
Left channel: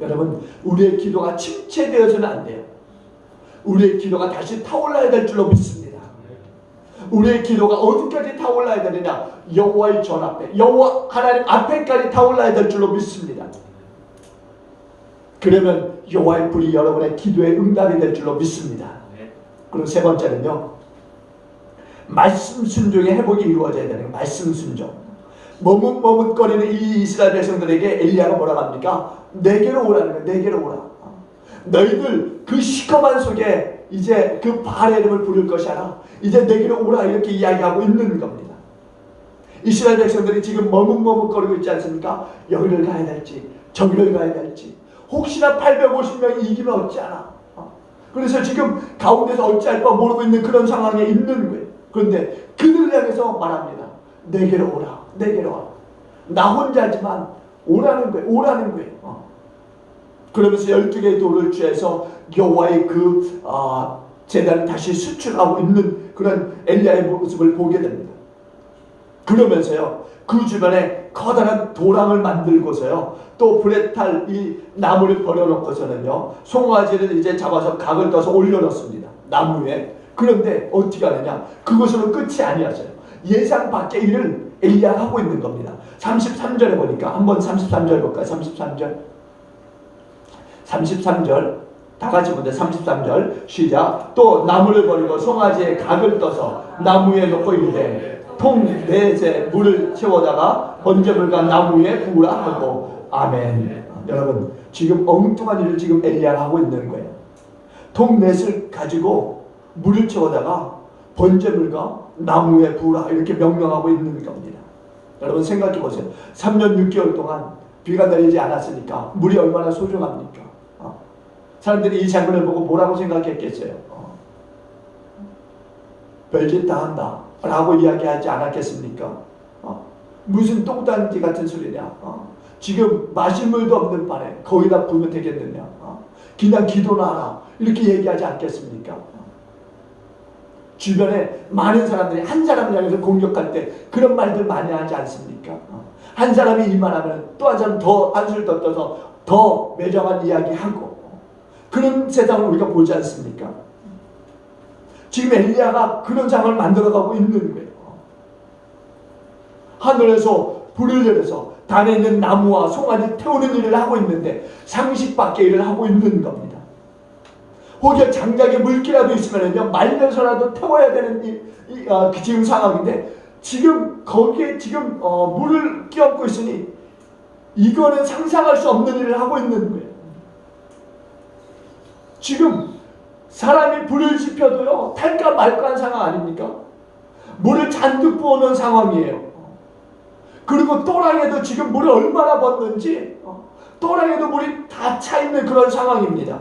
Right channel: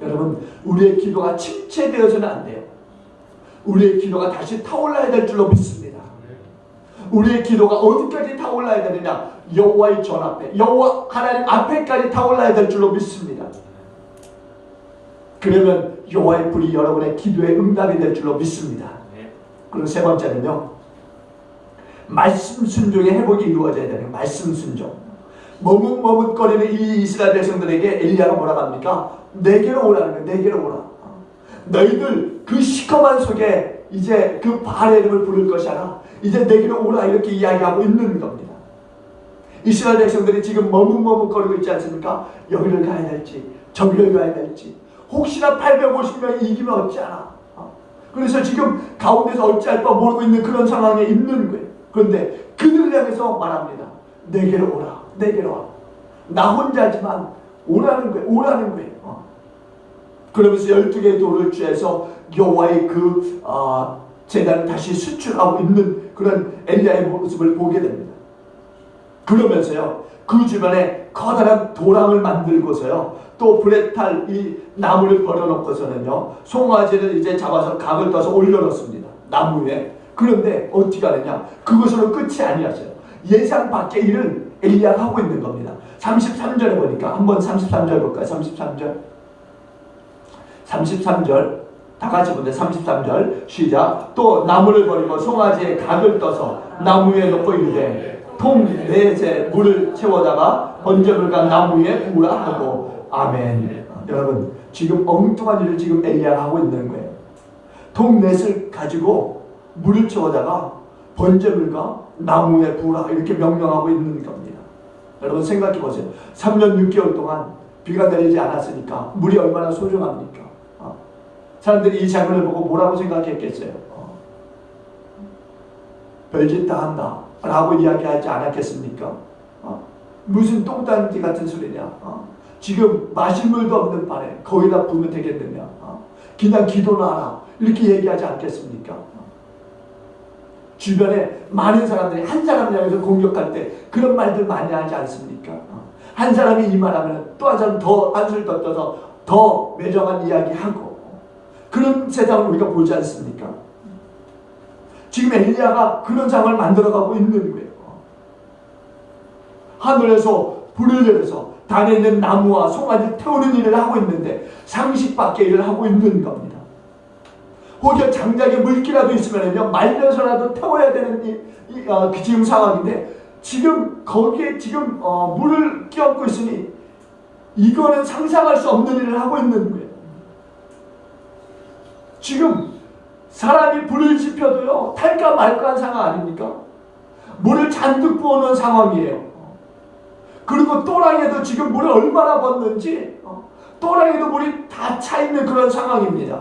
여러분 우리의 기도가 침체되어서는 안 돼요. 우리의 기도가 다시 타올라야 될 줄로 믿습니다. 우리의 기도가 어디까지 타올라야 되느냐? 여호와의 전 앞에, 여호와 하나님 앞에까지 타올라야 될 줄로 믿습니다. 그러면 여호와의 불이 여러분의 기도에 응답이 될 줄로 믿습니다. 그리고 세 번째는요, 말씀 순종의 회복이 이루어져야 되는 말씀 순종. 머뭇머뭇거리는 이 이스라엘 백성들에게 엘리야가 뭐라고 합니까? 내게로 오라는 거예요. 내게로 오라. 너희들 그 시커먼 속에 이제 그 바알의 이름을 부를 것이 아니라 이제 내게로 오라 이렇게 이야기하고 있는 겁니다. 이스라엘 백성들이 지금 머뭇머뭇거리고 있지 않습니까? 여기를 가야 될지 저기를 가야 될지 혹시나 850명이 이기면 어찌하나. 그래서 지금 가운데서 어찌할 바 모르고 있는 그런 상황에 있는 거예요. 그런데 그들을 향해서 말합니다. 내게로 오라. 내게로 와. 나 혼자지만 오라는 거예요. 오라는 거예요. 그러면서 12개의 돌을 취해서 여호와의 그 제단을 다시 수출하고 있는 그런 엘리야의 모습을 보게 됩니다. 그러면서요 그 주변에 커다란 도랑을 만들고서요 또 불에 탈 이 나무를 버려놓고서는요 송아지를 이제 잡아서 각을 떠서 올려놓습니다. 나무 위에. 그런데 어떻게 하느냐? 그것으로 끝이 아니었어요. 예상 밖의 일을 엘리야가 하고 있는 겁니다. 33절에 보니까 한번 33절 볼까요? 33절 다 같이 보자. 33절 시작. 또 나무를 버리고 송아지에 각을 떠서 나무 위에 놓고 이르되 통 4째 물을 채워다가 번제물과 나무 위에 부으라 하고 아멘. 여러분 지금 엉뚱한 일을 지금 엘리야가 하고 있는 거예요. 통 4을 가지고 물을 채워다가 번제물과 나무 위에 부으라 이렇게 명령하고 있는 겁니다. 여러분 생각해 보세요. 3년 6개월 동안 비가 내리지 않았으니까 물이 얼마나 소중합니까? 사람들이 이 장면을 보고 뭐라고 생각했겠어요? 별짓 다 한다 라고 이야기하지 않았겠습니까? 무슨 똥단지 같은 소리냐? 지금 마실 물도 없는 판에 거기다 부으면 되겠느냐? 그냥 기도나 하라 이렇게 얘기하지 않겠습니까? 주변에 많은 사람들이 한 사람을 향해서 공격할 때 그런 말들 많이 하지 않습니까? 한 사람이 이 말하면 또 한 사람 더 한술 더 떠서 더 매정한 이야기하고 그런 세상을 우리가 보지 않습니까? 지금 엘리야가 그런 상황을 만들어가고 있는 거예요. 하늘에서 불을 내려서 단에 있는 나무와 송아지 태우는 일을 하고 있는데 상식 밖의 일을 하고 있는 겁니다. 혹여 장작에 물기라도 있으면요 말려서라도 태워야 되는 지금 상황인데 지금 거기에 지금 물을 끼얹고 있으니 이거는 상상할 수 없는 일을 하고 있는 거예요. 지금 사람이 불을 지펴도요 탈까 말까 한 상황 아닙니까? 물을 잔뜩 부어놓은 상황이에요. 그리고 또랑에도 지금 물을 얼마나 붓는지 또랑에도 물이 다 차 있는 그런 상황입니다.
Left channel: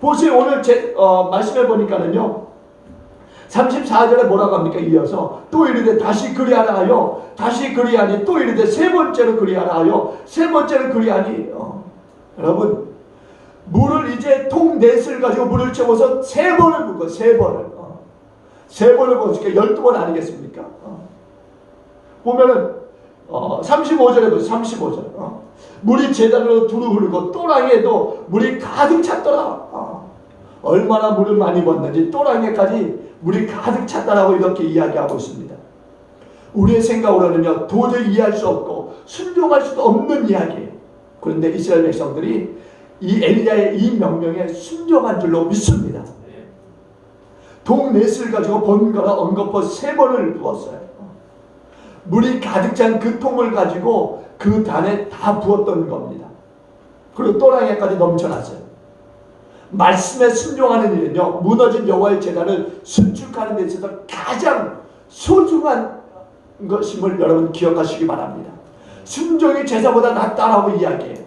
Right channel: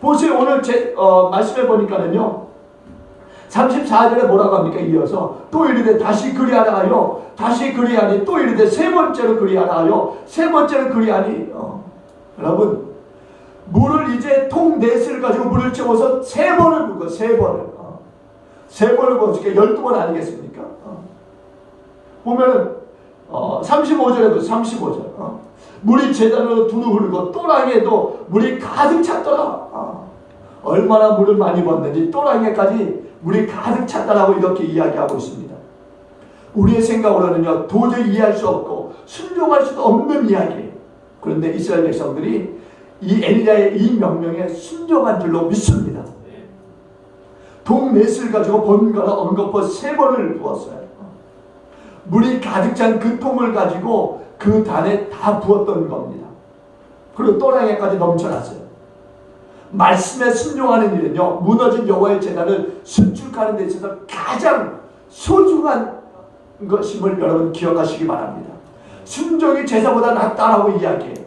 보세요. 오늘 말씀해 보니까는요 34절에 뭐라고 합니까? 이어서 또 이르되 다시 그리하라 하여 다시 그리하니 또 이르되 세 번째로 그리하라 하여 세 번째로 그리하니 여러분 물을 이제 통 4을 가지고 물을 채워서 3번을 붓고 3번을 3번을 붓으니까 12번 아니겠습니까? 보면은 35절에도 35절 물이 제단으로 두루 흐르고 또랑에도 물이 가득 찼더라. 얼마나 물을 많이 붓는지 또랑에까지 물이 가득 찼다라고 이렇게 이야기하고 있습니다. 우리의 생각으로는요 도저히 이해할 수 없고 순종할 수도 없는 이야기예요. 그런데 이스라엘 백성들이 이 엘리야의 이 명령에 순종한 줄로 믿습니다. 동넷을 가지고 번갈아 엉거포 3번을 부었어요. 물이 가득 찬 그 통을 가지고 그 단에 다 부었던 겁니다. 그리고 또랑에까지 넘쳐났어요. 말씀에 순종하는 일은요, 무너진 여호와의 제단을 수축하는 데 있어서 가장 소중한 것임을 여러분 기억하시기 바랍니다. 순종이 제사보다 낫다라고 이야기해요.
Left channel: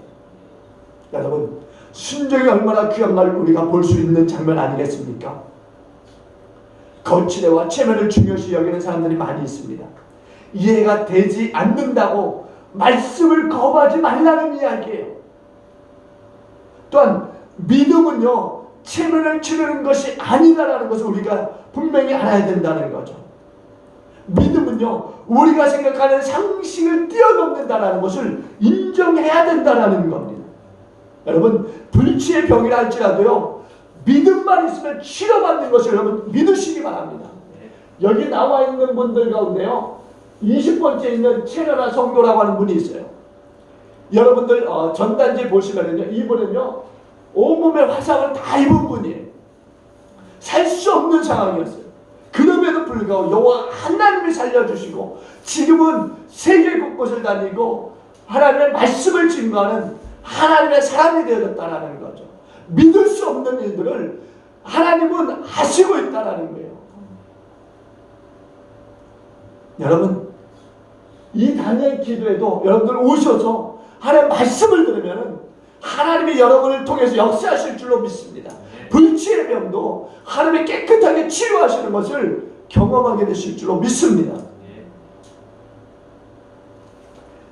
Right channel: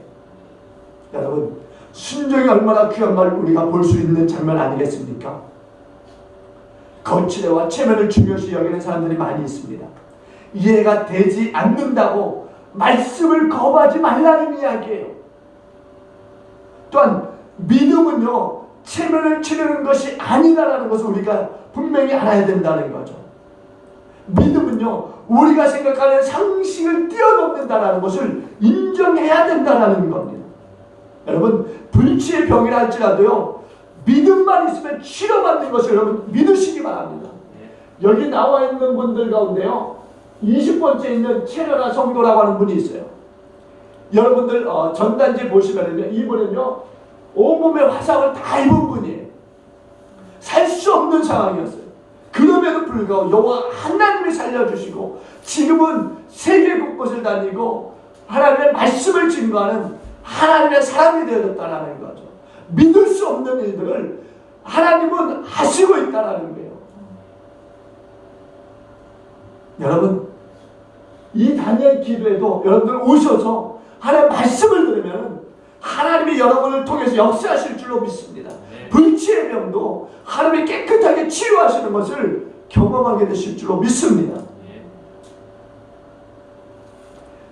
여러분, 순종이 얼마나 귀한 걸 우리가 볼 수 있는 장면 아니겠습니까? 거칠애와 체면을 중요시 여기는 사람들이 많이 있습니다. 이해가 되지 않는다고 말씀을 거부하지 말라는 이야기예요. 또한 믿음은요, 체면을 치르는 것이 아니다라는 것을 우리가 분명히 알아야 된다는 거죠. 믿음은요, 우리가 생각하는 상식을 뛰어넘는다는 것을 인정해야 된다는 겁니다. 여러분, 불치의 병이라 할지라도요, 믿음만 있으면 치료받는 것을 여러분 믿으시기 바랍니다. 여기 나와 있는 분들 가운데요, 20번째 있는 채널아 성도라고 하는 분이 있어요. 여러분들 전단지 보시면은요, 이분은요 온몸에 화상을 다 입은 분이에요. 살 수 없는 상황이었어요. 그럼에도 불구하고 여호와 하나님이 살려주시고 지금은 세계 곳곳을 다니고 하나님의 말씀을 증거하는 하나님의 사람이 되어졌다는 거죠. 믿을 수 없는 일들을 하나님은 하시고 있다는 거예요. 여러분, 이 단의 기도에도 여러분들 오셔서 하나님의 말씀을 들으면 하나님이 여러분을 통해서 역사하실 줄로 믿습니다. 불치의 병도 하나님이 깨끗하게 치유하시는 것을 경험하게 되실 줄로 믿습니다.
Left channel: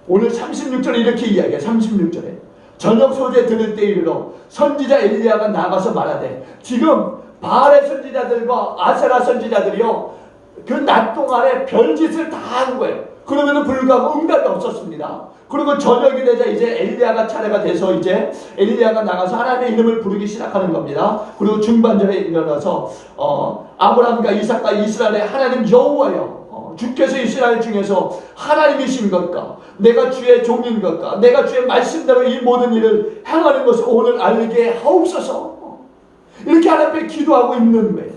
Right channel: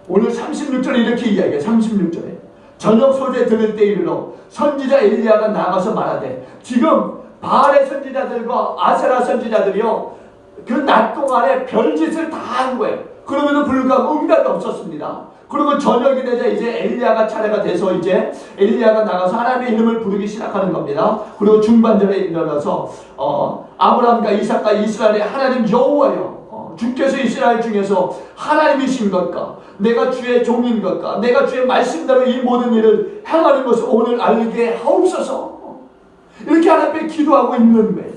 오늘 36절에 이렇게 이야기해요. 36절에 저녁 소재 들을 때 이르러 선지자 엘리야가 나가서 말하되, 지금 바알의 선지자들과 아세라 선지자들이요 그 낮 동안에 별짓을 다 한 거예요. 그러면은 불구하고 응답이 없었습니다. 그리고 저녁이 되자 이제 엘리야가 차례가 돼서 이제 엘리야가 나가서 하나님의 이름을 부르기 시작하는 겁니다. 그리고 중반절에 일어나서 아브라함과 이삭과 이스라엘의 하나님 여호와여, 주께서 이스라엘 중에서 하나님이신 것과 내가 주의 종인 것과 내가 주의 말씀대로 이 모든 일을 행하는 것을 오늘 알게 하옵소서. 이렇게 하나님께 기도하고 있는 거예요.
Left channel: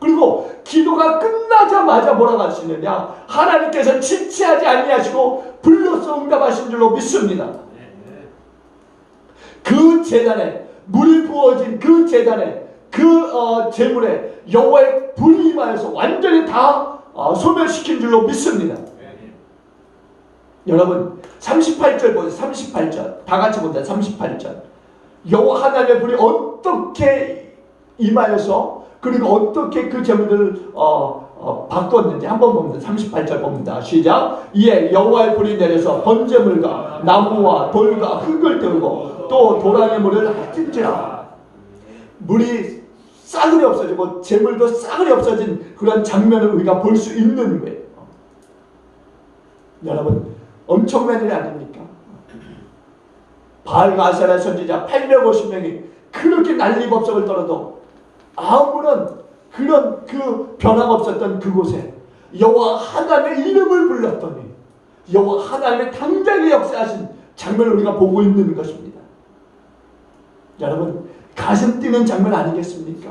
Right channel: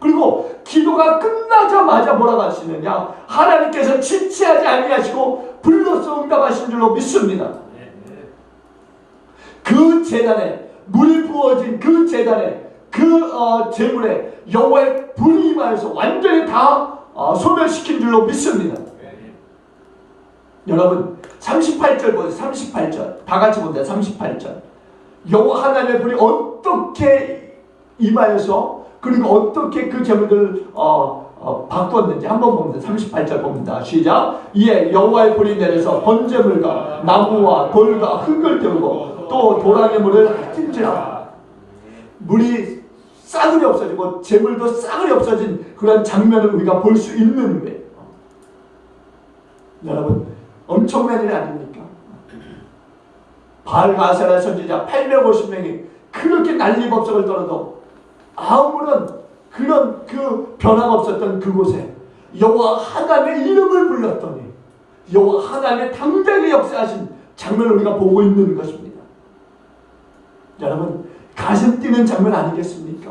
그리고 기도가 끝나자마자 뭐라고 하시느냐, 하나님께서 지체하지 아니하시고 불로서 응답하신 줄로 믿습니다. 그 제단에 물이 부어진 그 제단에 그 제물에 여호와의 불이 임하여서 완전히 다 소멸시킨 줄로 믿습니다. 여러분 38절 보세요. 38절 다 같이 본다. 38절 여호와 하나님의 불이 어떻게 임하여서 그리고 어떻게 그 제물들을 바꿨는지 한번 봅니다. 38절 봅니다. 시작. 이에 여호와의 불이 내려서 번제물과 나무와 돌과 흙을 태우고 또 도랑의 물을 핫진지라. 물이 싸그리 없어지고 제물도 싸그리 없어진 그런 장면을 우리가 볼 수 있는 거예요. 여러분 엄청난 일 아닙니까? 바알과 아세라 선지자 850명이 그렇게 난리법석을 떨어도 아무런 그런 그 변화가 없었던 그곳에 여호와 하나님의 이름을 불렀더니 여호와 하나님의 당장의 역사하신 장면을 우리가 보고 있는 것입니다. 여러분 가슴 뛰는 장면 아니겠습니까?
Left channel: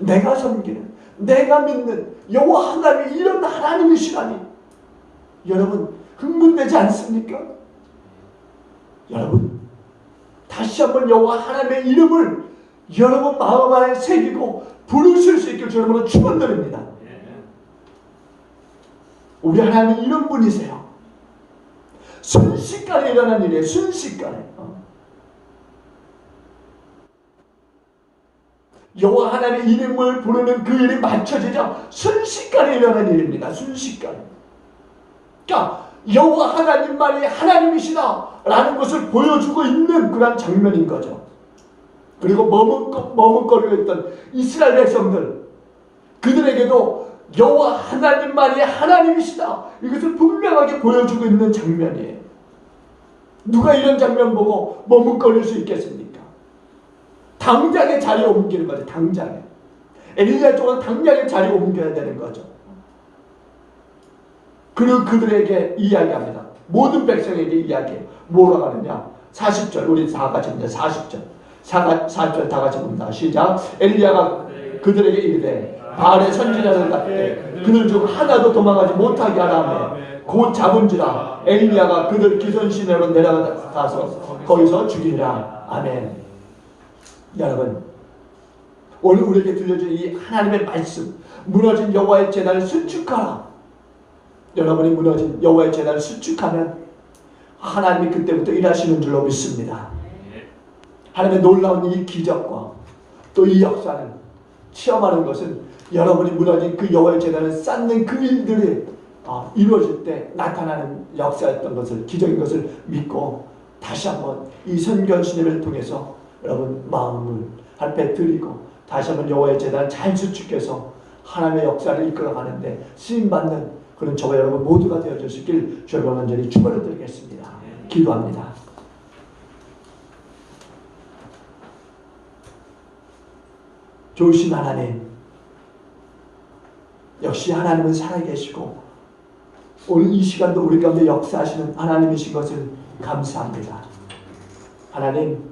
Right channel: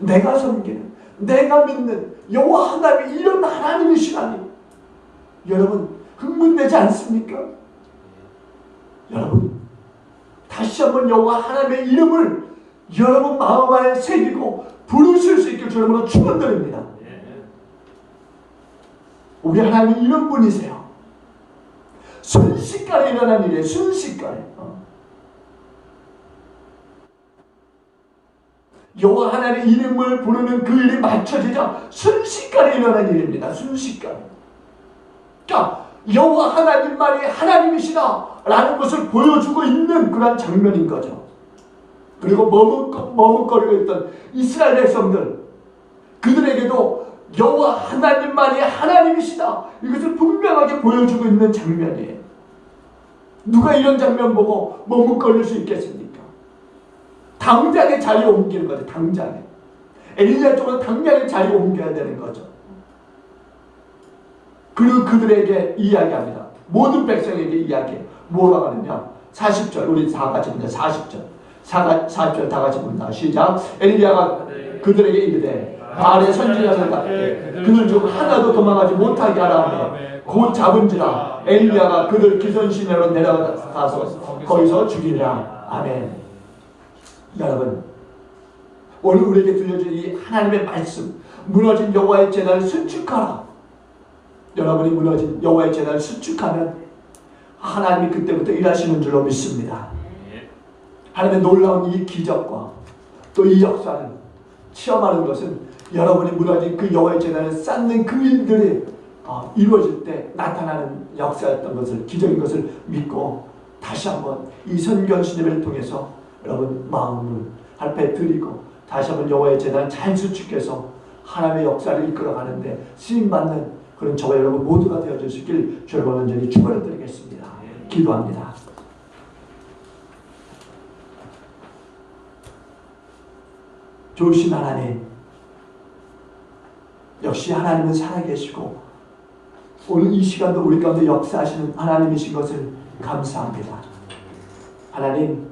내가 섬기는, 내가 믿는 여호와 하나님이 이런 하나님이시라니 여러분 흥분되지 않습니까? 여러분 다시 한번 여호와 하나님의 이름을 여러분 마음 안에 새기고 부르실 수 있게 주님으로 축원드립니다. 우리 하나님 이런 분이세요. 순식간에 일어난 일이에요. 순식간에. 여호와 하나님의 이름을 부르는 그 일이 맞춰지자 순식간에 일어난 일입니다. 순식간에. 그러니까 여호와 하나님만이 하나님이시다라는 것을 보여주고 있는 그런 장면인 거죠. 그리고 머뭇거리고 있던 이스라엘 백성들, 그들에게도 여호와 하나님만이 하나님이시다 이것을 분명하게 보여주고 있는 장면이에요. 누가 이런 장면 보고 머뭇거릴 수 있겠습니까? 당장의 자리에 옮기는 거죠. 당장에 엘리야 쪽은 당장의 자리에 옮겨야 되는 거죠. 그리고 그들에게 이야기합니다. 모든 백성에게 이야기해요. 뭐라고 하느냐, 40절 우리 다 같이 봅니다. 40절 4절 다 같이 봅니다. 시작. 엘리야가 그들에게 이르되 바알의 선지자들 같게 그들 중 하나도 도망가지 못하게 하라 하며 곧 잡은지라 엘리야가 그들 기선 시내로 내려가서 거기서 죽이니라. 아멘. 여러분, 오늘 우리에게 들려준 이 하나님의 말씀, 무너진 여호와의 제단을 수축하라. 여러분이 무너진 여호와의 제단을 수축하면 하나님이 그때부터 일하시는 줄로 믿습니다. 하나님의 놀라운 이 기적과 또 이 역사는 체험하는 것은 여러분이 무너진 그 여호와의 제단을 쌓는 그 일들이 이루어질 때 나타나는 역사였던 것을, 기적인 것을 믿고 다시 한번 이 선견신의를 통해서 여러분 마음을 할배 드리고 다시 한번 여호와의 제단을 잘 수축해서 하나님의 역사를 이끌어가는데 쓰임받는 그런 저와 여러분 모두가 되어주시길 주여 간절히 축원을 드리겠습니다. 기도합니다. 좋으신 하나님, 역시 하나님은 살아계시고 오늘 이 시간도 우리 가운데 역사하시는 하나님이신 것을 감사합니다. 하나님,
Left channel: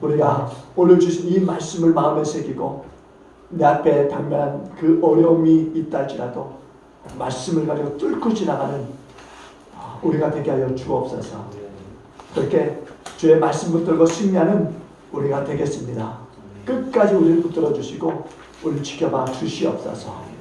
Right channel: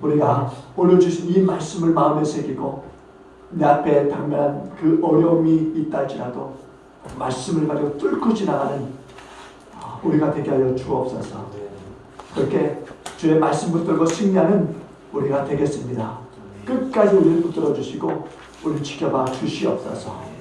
우리가 오늘 주신 이 말씀을 마음에 새기고 내 앞에 당면한 그 어려움이 있다 할지라도 말씀을 가지고 뚫고 지나가는 우리가 되게 하여 주옵소서. 그렇게 주의 말씀 붙들고 승리하는 우리가 되겠습니다. 끝까지 우리를 붙들어 주시고 우리를 지켜봐 주시옵소서.